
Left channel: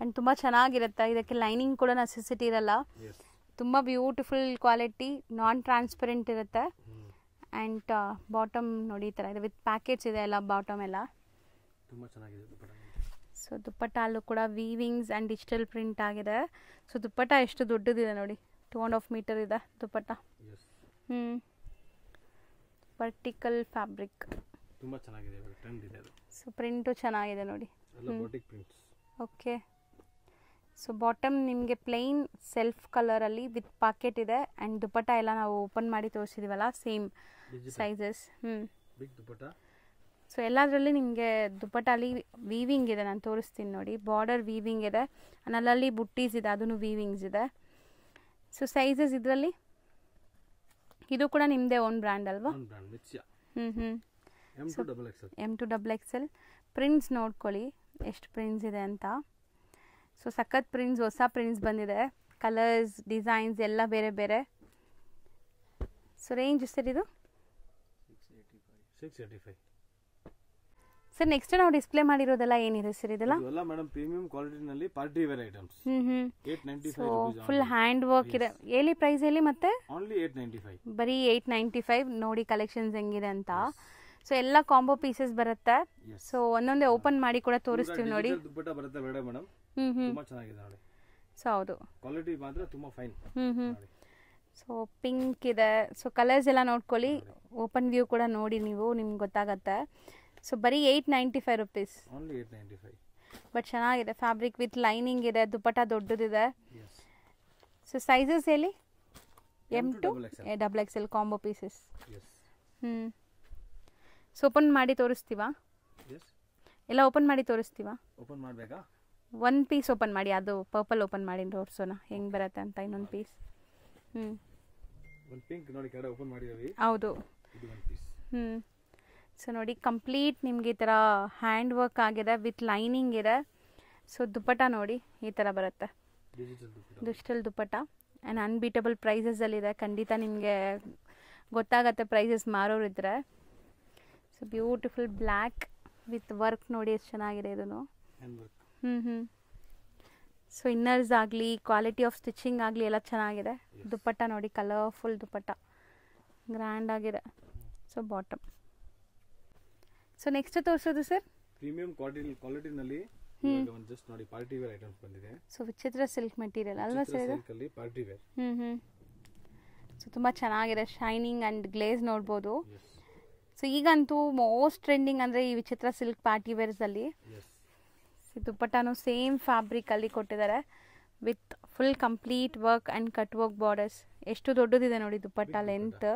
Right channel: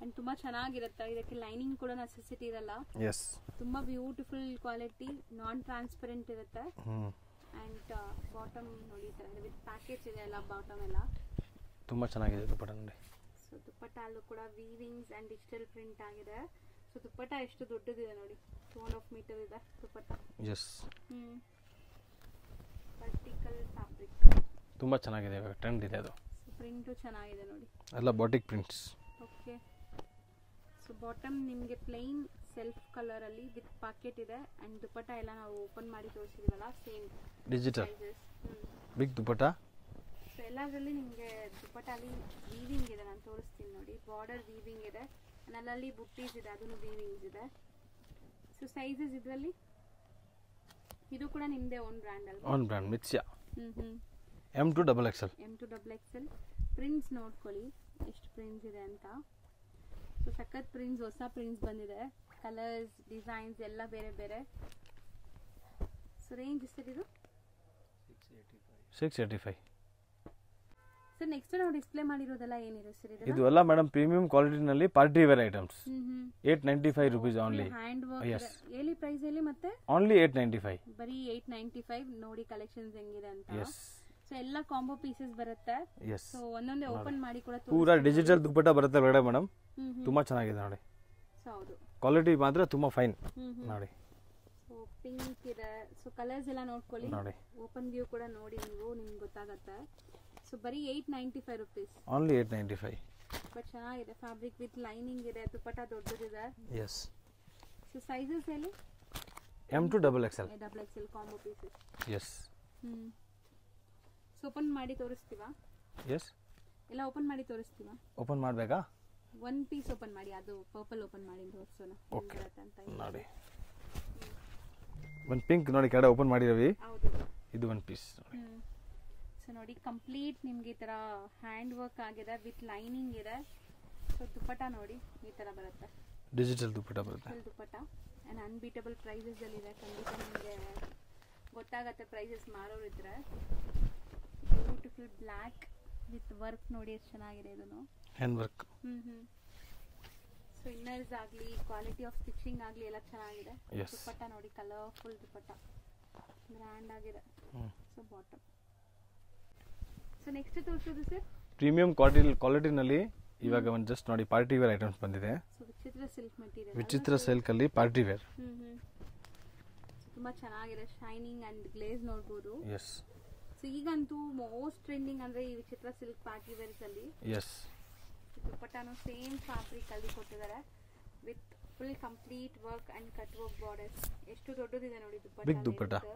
ಅಂಡ್ ತುಂಬಾ ಚೆನ್ನಾಗಿರುತ್ತೆ. ಇದಕ್ಕೆ ಲೈನಿಂಗ್ ಕೂಡ ನೆಸೆಸಿಟಿ ಇರಲ್ಲ. ತುಂಬಾ ಬ್ಯೂಟಿಫುಲ್ ಕ್ವಾಲಿಟಿ, ನಾನ್ ಟ್ರಾನ್ಸ್ಪರೆಂಟ್ ಇರುತ್ತೆ. ಅಂಡ್ ಬಾಟಮ್ ನೋಡಿ ಈ ತರ ಇದೆ, ವಿತ್ ಪ್ಯಾಕೆಟ್ಸ್ ಇದೆ ಎಲ್ಲ. ಬಾಟಮ್ ಎಲ್ಲ ತುಂಬಾ ಚೆನ್ನಾಗಿದೆ ದುಪ್ಪಟ್ಟ. ಸೊ ದುಪ್ಪಟ್ಟ ಅಲ್ಲೂ ಕೂಡ ವೀವಿಂಗ್ಸ್ ಅಂಡ್ ಡಿಜಿಟಲ್ ಪ್ರಿಂಟ್ ಆಗಿದೆ. ಸೊ ದುಪ್ಪಟ್ಟ ಎಷ್ಟು ದೊಡ್ಡದಿದೆ ನೋಡಿ, 2.5 ಮೀಟರ್ ಇದೆ ದುಪ್ಪಟ್ಟ. ವರ್ಟಿಕಲ್ ಫ್ಯಾಬ್ರಿಕ್ ತುಂಬಾ ಚೆನ್ನಾಗಿದೆ, ಟ್ರೆಂಡ್ ಇದೆ ಅದು. ಸೊ ಪ್ರಿಂಟು ಚೆನ್ನಾಗಿದೆ ನೋಡಿ, ಎಲ್ಲ batik prints. Okay. So bottom ನಿಮಗೆ ಪ್ಲೈನ್ ಸೆಲ್ಫ್ ಕಲರಲ್ಲಿ ವಿತ್ ಪಾಕೆಟ್ ಇದೆ. ಆ್ಯಂಡ್ ದುಪ್ಪಟ್ಟ ಎಲ್ಲ ನಾವು ಓಪನ್ ಮಾಡಿ ತೋರಿಸಿದೀವಲ್ಲ, same sizes. Big dupatta. So ಎಲ್ಲದರಲ್ಲಿ ನಿಮಗೆ ದುಪ್ಪಟ್ಟಲ್ಲಿ ವೀವಿಂಗ್ ಇದೆ, ನಾನು ತೋರಿಸ್ತೀನಿ ನೋಡಿ. ಬಾರ್ಡರ್ ವೀವಿಂಗ್ ಇದೆ, ಅಲ್ಲಲ್ಲಿ ಬುಟ್ಟೀಸ್ ಇದೆ, ಅದನ್ನು ವೀವಿಂಗ್ಸ್ ಇದೆ. ಸೊ ಸೈಜಸ್ ಇದರಲ್ಲಿ ಇದು ಕೂಡ ನಿಮ್ಮದೇ ಓನ್ ಬ್ರ್ಯಾಂಡ್ ಅಲ್ವಾ? ಓನ್ ಬ್ರ್ಯಾಂಡ್ ಮಿತ್ಸ್ಯಾ. M to XXL. ಪ್ರಿಂಟ್ಸ್ ನೋಡ್ಕೊಳ್ಳಿ ಎಷ್ಟು ಪ್ರಿಂಟ್ಸ್ ಇದೆ ಅಂತ. ಸೊ ಸಖತ್ ಪ್ರಿಂಟ್ಸ್, ಹೊಸ ಪ್ರಿಂಟ್ಸ್ ಬಂದಿದೆ, ಕಲರ್ಸ್ ಡಿಸೈನ್ಸ್ ಎಲ್ಲ ಬೇರೆ ಬೇರೆ. ಸೊ ರೇಂಜ್ ಸರ್ ಇದು 685. ಸರ್ ನೆಕ್ಸ್ಟ್ ನಾವು ಡಿಸ್ಪ್ಲೇ ಮಾಡಿರೋದೆಲ್ಲ ಏನಿದೆ ಸರ್ ಇದೆಲ್ಲ? ಇದೆಲ್ಲ ಮೇಡಮ್ ಪ್ರೀಮಿಯಂ ಕ್ವಾಲಿಟಿನಲ್ಲಿ party wear items. 895 rupees full hand work ಇದೆ. ಎಲ್ಲಿ ಪ್ರೈಸ್ ಹೇಳಿ ಮತ್ತೆ? ಓನ್ಲಿ 895. ಬರೀ 895. ನೋಡಿ ಕಲೆಕ್ಷನ್ಸ್ ಹೆಂಗಿದೆ ಅಂತ. ಸೊ ಎಲ್ಲ ಕಾಂಬೋ ಪೀಸಸ್ ಬರುತ್ತೆ. ಸೊ ಒಂದೊಂದೇ ಓಪನ್ ಮಾಡಿ ಕೂಡ ತೋರಿಸ್ತೀನಿ ನೋಡಿ. ಡಿಜಿಟಲ್ ದುಪ್ಪಟ್ಟ ಬರುತ್ತೆ ಒಳಗಡೆ ಮೇಡಮ್, ತುಂಬಾ ಚೆನ್ನಾಗಿದೆ ನೋಡಿ. ಸೊ ಹೌದು, ಕ್ವಾಲಿಟಿ ಮಾತ್ರ ತುಂಬಾ ಫೈನ್ ನೋಡಿ. ಸೊ ಪಿಂಕ್ ಇದೆ. ಸೊ ಕಲರ್ಸ್ ಎಲ್ಲ ನೋಡ್ಕೊಳ್ಳಿ, ಓಪನ್ ವ್ಯೂ ಕೂಡ ನೋಡಿ ನೀವು, ನಿಮ್ಗೆ ಗೊತ್ತಾಗತ್ತೆ. ಸೊ ಬರೀ 895 rupees. ಓನ್ಲಿ 895. ಬಟ್ ಚೆನ್ನಾಗಿದೆ, ಫ್ಯಾಬ್ರಿಕ್ ವಿತ್ ಲೈನಿಂಗ್ ಇದೆ, ದುಪ್ಪಟ್ಟ ದೊಡ್ಡದಿದೆ. ಎಸ್. ಸೊ ಸೈಜಸ್ ಹೇಳಿ? M to XXL. XXL combo pieces. Yes. So open ಮಾಡಿ ತೋರಿಸ್ತೀವಾ? ಎಸ್. ಎಲ್ಲ ಓಪನ್ ಮಾಡಿ ತೋರಿಸ್ತೀವಾ? ಓಪನ್ ಮಾಡಬೇಕಾ? ಒಂದು ಪೀಸ್ ಓಪನ್ ಮಾಡಿ, ಅದು ಪರ್ಪಲ್ ಓಪನ್ ಮಾಡಿ ತೋರಿಸೋಣ ಹೆಂಗೆ ಬರುತ್ತೆ ಅಂತ. ಇನ್ನೊಂದು ಪೀಸ್. ಒಂದು ಪಿಂಕ್ ನೋಡಿ ಕೆಳಗಡೆ ಓಪನ್ ಮಾಡಿರವಿ. ಹೌದು, ಇದು ಒಂದು ಪೀಸ್. ಸೊ ನೋಡಿ ಕಂಪ್ಲೀಟ್ ನಿಮಗೆ ಈ ಥರ ಹ್ಯಾಂಡ್ ವರ್ಕ್ ಆಗಿದೆ ವಿತ್ ಲೈನಿಂಗ್ ಇದೆ. ಸೊ ದುಪ್ಪಟ್ಟ ನೋಡಿ ಈ ಥರ ಬರುತ್ತೆ, ಡಿಜಿಟಲ್ ದುಪ್ಪಟ್ಟ ಆ್ಯಂಡ್ ಅನ್ಬೀಟಬಲ್ ಪ್ರೈಸಸಲ್ಲಿದೆ. ಖಂಡಿತ ನಿಮಗೆ ಗೊತ್ತಾಗತ್ತೆ ಪ್ರೈಸಸ್ ಮಾರೋರಿದ್ರೆ. So beautiful black with work ನೋಡಿ ಎಷ್ಟು ಚೆನ್ನಾಗಿದೆ ಇದನ್ನು, ಹ್ಯಾಂಡ್ ವರ್ಕ್. ಸೊ ಇನ್ನರ್ಸ್ ಆಗಲಿ, ಕ್ವಾಲಿಟಿ ಆಫ್ ಸ್ಟಿಚಿಂಗ್ ಆಗಲಿ ಎಲ್ಲ ಚೆನ್ನಾಗಿದೆ. ದುಪ್ಪಟ್ಟ ನೋಡಿ, ಕಲರ್ಫುಲ್ ದುಪ್ಪಟ್ಟ, ಗ್ರ್ಯಾಂಡ್ ಆಗಿದೆ. So bottom. ಸೊ ನೆಕ್ಸ್ಟ್ ತೋರಿಸೋದು ಸರ್ ಪ್ರೀಮಿಯಂ ಕ್ವಾಲಿಟಿನಲ್ಲಿ ಇವಾಗ ಒಂದು ಜಸ್ಟ್ ನೋಡಿ ಪಾರ್ಟಿ ವೇರ್ ಐಟಮ್ಸ್ ಬಂದಿದೆ. ಸೊ ವಿಚಿತ್ರ ಸಿಲ್ಕ್ ಮೆಟೀರಿಯಲ್, ವಿಚಿತ್ರ ಸಿಲ್ಕ್ ಅಲ್ಲಿ ಪಾರ್ಟಿ ವೇರ್. ಸೊ ತುಂಬಾ ಚೆನ್ನಾಗಿದೆ, ಶೈನಿಂಗ್ ಅಂಡ್ ಗ್ಲೇಸ್ ನೋಡ್ಬೋದು. ಎಸ್. ಸೊ ಈಗಂತೂ ಮೋಸ್ಟ್ ಟ್ರೆಂಡಿಂಗ್ ಅಂದ್ರೆ ಈ ವಿಚಿತ್ರ ಸಿಲ್ಕ್ ಪಾರ್ಟಿ ವೇರ್ಸ್ ಅಲ್ಲಿ. ಎಸ್. ದುಪ್ಪಟ್ಟನು ಸೇಮ್ ಫ್ಯಾಬ್ರಿಕ್ ಅಲ್ಲಿ ಕೊಟ್ಟಿದ್ದಾರೆ with full complete work and cut work borders. ಎಷ್ಟು ದೊಡ್ಡದಿದೆ ನೋಡಿ ದುಪ್ಪಟ್ಟ ಲೆಂತ್.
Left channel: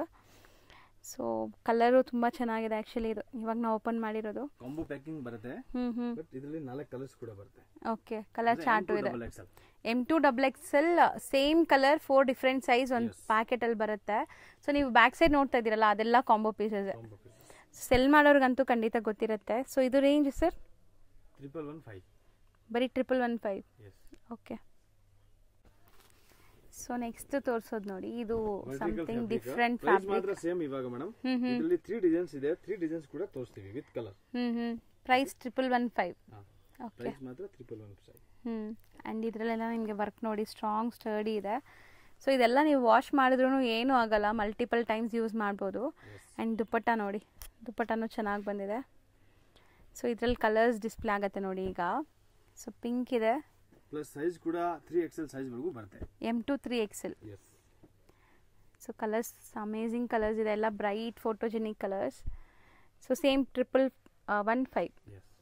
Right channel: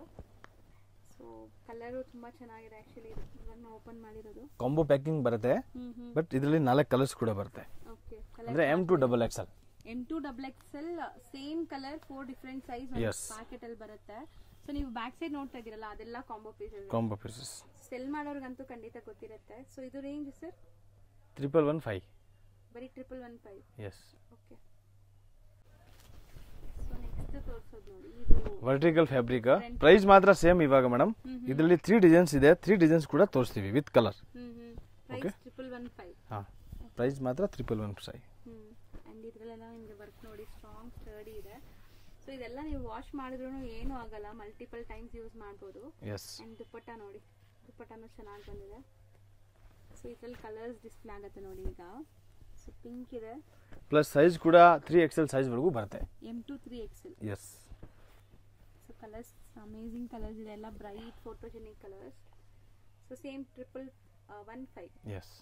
ಸೊ ಕಲರು ತುಂಬಾ ಚೆನ್ನಾಗಿದೆ ಆಕ್ಚುಲಿ. ಇದು ಇವಾಗ ನಾವು ಓಪನ್ ಮಾಡಿರೋದು ಕಾಂಬೋ ಪ್ಯಾಕಿಂಗ್ ಬರುತ್ತೆ, ಬಟ್ ಇದರಲ್ಲಿ 4 ಕಲರ್ಸ್ ಕೂಡ ಬರುತ್ತೆ. Okay, colour M to XXL. M to XXL same colour 4 different size ಒಂದು ಪ್ಯಾಕೆಟ್ ಅಲ್ಲಿ ಬರುತ್ತೆ. ಸೊ ನೀವು ಬ್ಯಾಕ್ ಸೈಡ್ ನೋಡ್ತಾ ಇದ್ದೀರಲ್ಲ ಅದೆಲ್ಲ ಕಾಂಬೋ ಪೀಸಸ್. ಸೆಲ್ ಮಾಡೋರ್ಗಂತೂ ಖಂಡಿತ ಗೊತ್ತಿರುತ್ತೆ. ಸೊ ಇದು ರೇಂಜ್ ಸರ್ 115. ಬರೀ 115. ಎಸ್. ಓಕೆ. ಸೊ ನೆಕ್ಸ್ಟ್ ತೋರಿಸೋದು ನೋಡಿ, ಇದು ವರ್ಟಿಕಲ್ ಫ್ಯಾಬ್ರಿಕ್. ಪ್ರೈಸ್ ಮಾತ್ರ ಸೇಮ್ ಇವಾಗ ಮೇಡಮ್. ಇದರಲ್ಲಿ 3 ಡಿಸೈನ್ಸ್ ಇದೆ, 3 ಡಿಸೈನ್ಸ್ ಕೂಡ ತೋರಿಸ್ತೀವಿ ವಿತ್ ಕಲರ್. ಪ್ರೈಸ್ 115. ಪ್ರೈಸ್ ಮಾತ್ರ 115. ಅಂಡ್ ಇದರಲ್ಲೆಲ್ಲ ನಿಮಗೆ ವರ್ಕ್ ನೋಡಿ ಸ್ಟ್ರಾಂಗ್ ಸ್ಟರ್ಡಿ ಇದೆ. ಸೊ ಇದೆಲ್ಲ ನೀವು ವಾಶ್ ಮಾಡಿದ್ರೂ ಏನೂ ಆಗಲ್ಲ, ಮಲ್ಟಿಪಲ್ ಟೈಮ್ಸ್ ಯೂಸ್ ಮಾಡ್ಬೋದು. ಅಂಡ್ ದುಪ್ಪಟ್ಟ ನೋಡಿ, ದುಪ್ಪಟ್ಟನೂ ಚೆನ್ನಾಗಿ ಬಂದಿದೆ. ಸೊ ಇದರಲ್ಲಿ ಕಲರ್ಸ್ ಡಿಸ್ಪ್ಲೇ ಆಗುತ್ತೆ ನೋಡಿ ಈಗ. ಸೊ ಪಿಂಕ್ ಇದೆ, ಪ್ಲಸ್ ಸೈಜ್ ಕೂಡ 3XL ಸೈಜ್ ವರೆಗೂ ಬರುತ್ತೆ. M to 3XL. Yes. So colours amazing colours ಇದೆ, ಎಲ್ಲ bright photogenic colours. So same 115. Yes.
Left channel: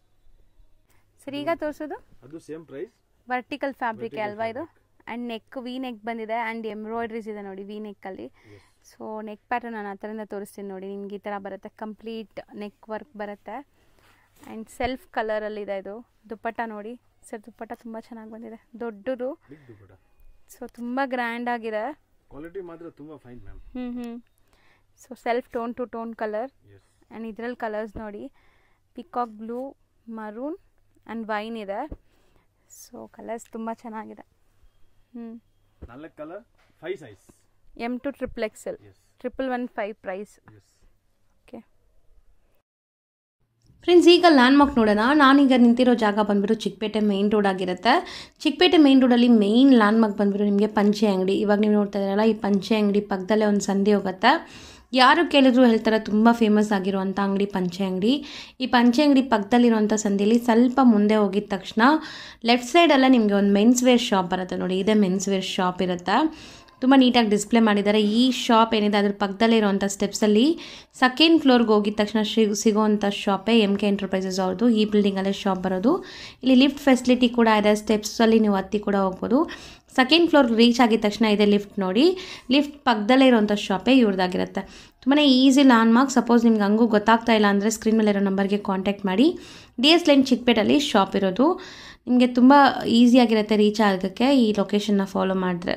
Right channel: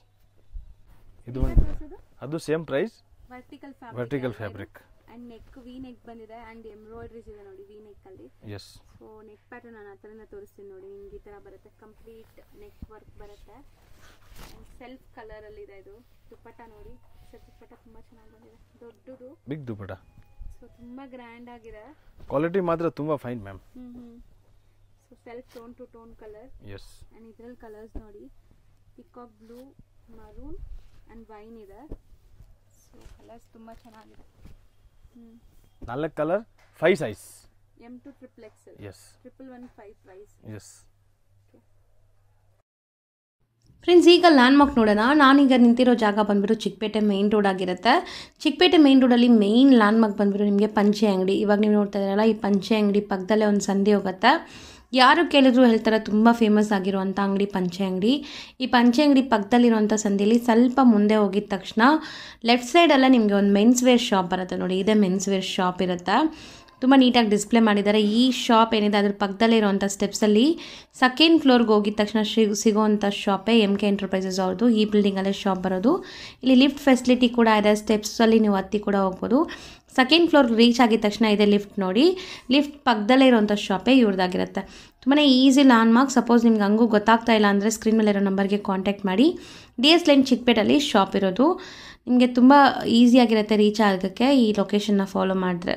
ಸರಿ, ಈಗ ತೋರಿಸೋದು ಅದು ಸೇಮ್ ಪ್ರೈಸ್, ವರ್ಟಿಕಲ್ ಫ್ಯಾಬ್ರಿಕ್ ಅಲ್ವಾ ಇದು. ಅಂಡ್ ನೆಕ್ ವಿ ನೆಕ್ ಬಂದಿದೆ ಅಂಡ್ ಎಂಬ್ರಾಯ್ಡ್ರೀಸ್ ಇದೆ ನೋಡಿ ವಿ ನೆಕ್ ಅಲ್ಲಿ. ಸೊ ನೆಕ್ ಪ್ಯಾಟರ್ನ್ ನಾನು ಆ ಥರದಿಂದ ತೋರಿಸ್ತೀನಿ ನೋಡಿ. ನಿಮ್ಗೆ ಈ ಥರ ಬರುತ್ತೆ, ಕಂಪ್ಲೀಟ್ ನೆಕ್ ವರ್ಕ್ ಬರುತ್ತೆ ಅಂಡ್ ಸೆಲ್ಫ್ ಕಲರ್ ಅಲ್ಲಿ ಇದೆ ಇದು. ದುಪ್ಪಟ್ಟ ನೋಡಿ ಸರ್, ದುಪ್ಪಟ್ಟ ತುಂಬಾ ಚೆನ್ನಾಗಿ ಬಂದಿದೆ, ದೊಡ್ಡದು ಬಿಗ್ ದುಪ್ಪಟ್ಟ. ಸೊ ತುಂಬಾ ಗ್ರ್ಯಾಂಡ್ ಆಗಿದೆ, ಕ್ವಾಲಿಟಿ ಮಾತ್ರ ತುಂಬಾ fine ma'am. So self tone to tone colour. Yes. And ಇದ್ರಲ್ಲಿ ಕಲರ್ಸ್ ನೋಡಿ, peacock blue, maroon and wine ಇದೆ. ಸೊ ಕಲರ್ಸ್ ತುಂಬಾ ಚೆನ್ನಾಗಿದೆ. 4 colour 5 size. M to XXL. Yes. 115 price. Yes. Okay friends, ಈಗ ಲ್ಯಾಂಡ್ ಮಾರ್ಕ್ ನೋಡೋಣ. ನಾನೀಗ ನಿಂತಿರೋ ಜಾಗ ಬಂದ್ಬಿಟ್ಟು ಚಿಕ್ಕಪೇಟೆ ಮೇನ್ ರೋಡ್ ಆಗಿರುತ್ತೆ. ಚಿಕ್ಕಪೇಟೆ ಮೇನ್ ರೋಡಲ್ಲಿ ಮೇನ್ ಲ್ಯಾಂಡ್ ಮಾರ್ಕ್ ಬಂದ್ಬಿಟ್ಟು ನಿಮಗೆ ಪಂಚೆ ಅಂಗಡಿ. ಇವಾಗ ನೀವು ನೋಡ್ತಾ ಇದ್ದೀರಲ್ಲ, ಈ ಪಂಚೆ ಅಂಗಡಿ ಪಕ್ಕದಲ್ಲೇ ಒಂದು ಸಂಧಿ ಹೋಗುತ್ತೆ. ಯಾರು ಕೇಳಿದ್ರು ಹೇಳ್ತಾರೆ ತುಂಬ ಫೇಮಸ್ ಆಗಿರುವಂಥ ಅಂಗಡಿ ಪಂಚೆ ಅಂಗಡಿ. ಈ ಪಂಚೆ ಅಂಗಡಿ ಪಕ್ಕದಲ್ಲಿರುವಂಥ ಸಂಧಿಯಲ್ಲಿ ಸ್ವಲ್ಪ ಮುಂದೆ ಹೋಗಿದ ತಕ್ಷಣ ಲೆಫ್ಟ್ ಸೈಡಲ್ಲೇ ನಿಮಗೆ ಒಂದು ಮೆನ್ಸ್ ವೇರ್ ಶಾಪ್ ಬರುತ್ತೆ ನೋಡಿ. ಇದೇ ಮೆನ್ಸ್ ವೇರ್ ಶಾಪ್ ಇರುತ್ತೆ, ತುಂಬ ನೀಟಾಗಿ ಡಿಸ್ಪ್ಲೇ ಮಾಡಿದ್ದಾರೆ. ಈ ಶಾಪ್ ಏನಿದೆ ಅದ್ರ ಪಕ್ಕದಲ್ಲೇ ಇರುವಂಥ ಸ್ಟೆಪ್ಸಲ್ಲಿ ಸೆಕೆಂಡ್ ಫ್ಲೋರ್ಗೆ ಹೋಗಿದ ತಕ್ಷಣ ಸಿಗೋವಂಥ ಶಾಪೇ MK ಎಂಟರ್ಪ್ರೈಸಸ್ ಅವ್ರದ್ದು. ಈ ಬಿಲ್ಡಿಂಗಲ್ಲೇ ಶಾಪ್ ಬರೋದು. ಇಲ್ಲಿ ಲಿಫ್ಟ್ ಫೆಸಿಲಿಟಿ ಕೂಡ ಇದೆ, ಸ್ಟೆಪ್ಸಲ್ಲಿ ನೀವು ಹತ್ತಿ ಕೂಡ ಹೋಗ್ಬೋದು. ಸೆಕೆಂಡ್ ಫ್ಲೋರ್ಗೆ ರೀಚ್ ಆಗಿದ ತಕ್ಷಣ ಇದೆ ಲಿಫ್ಟ್ ನೋಡಿ. ಲಿಫ್ಟ್ ಪಕ್ಕದಲ್ಲೇ ಇರುವಂಥ ಶಾಪೇ ಇವ್ರದ್ದಾಗಿರುತ್ತೆ. ತುಂಬಾ ಈಸಿ ಲ್ಯಾಂಡ್ ಮಾರ್ಕ್. ಸಪೋಸ್ ನಿಮ್ಗೆ ಹಂಗೂ ಗೊತ್ತಾಗ್ತಾ ಇಲ್ಲ ಅಂದರೆ ಸ್ಕ್ರೀನ್ ಮೇಲೆ ಇರೋ ನಂಬರ್ಗೆ ಕಾಂಟ್ಯಾಕ್ಟ್ ಮಾಡಿ. DS ಲೈನ್ ಚಿಕ್ಕಪೇಟಲ್ಲಿ ಶಾಪ್ ಇರೋದು. ನಿಮಗೆ ತುಂಬ ಈಸಿಯಾಗಿರುತ್ತೆ ರೀಚ್ ಆಗೋಕ್ಕೆ ಈ ಲೊಕೇಶನ್ನ ಫಾಲೋ ಮಾಡಿದ್ರೆ.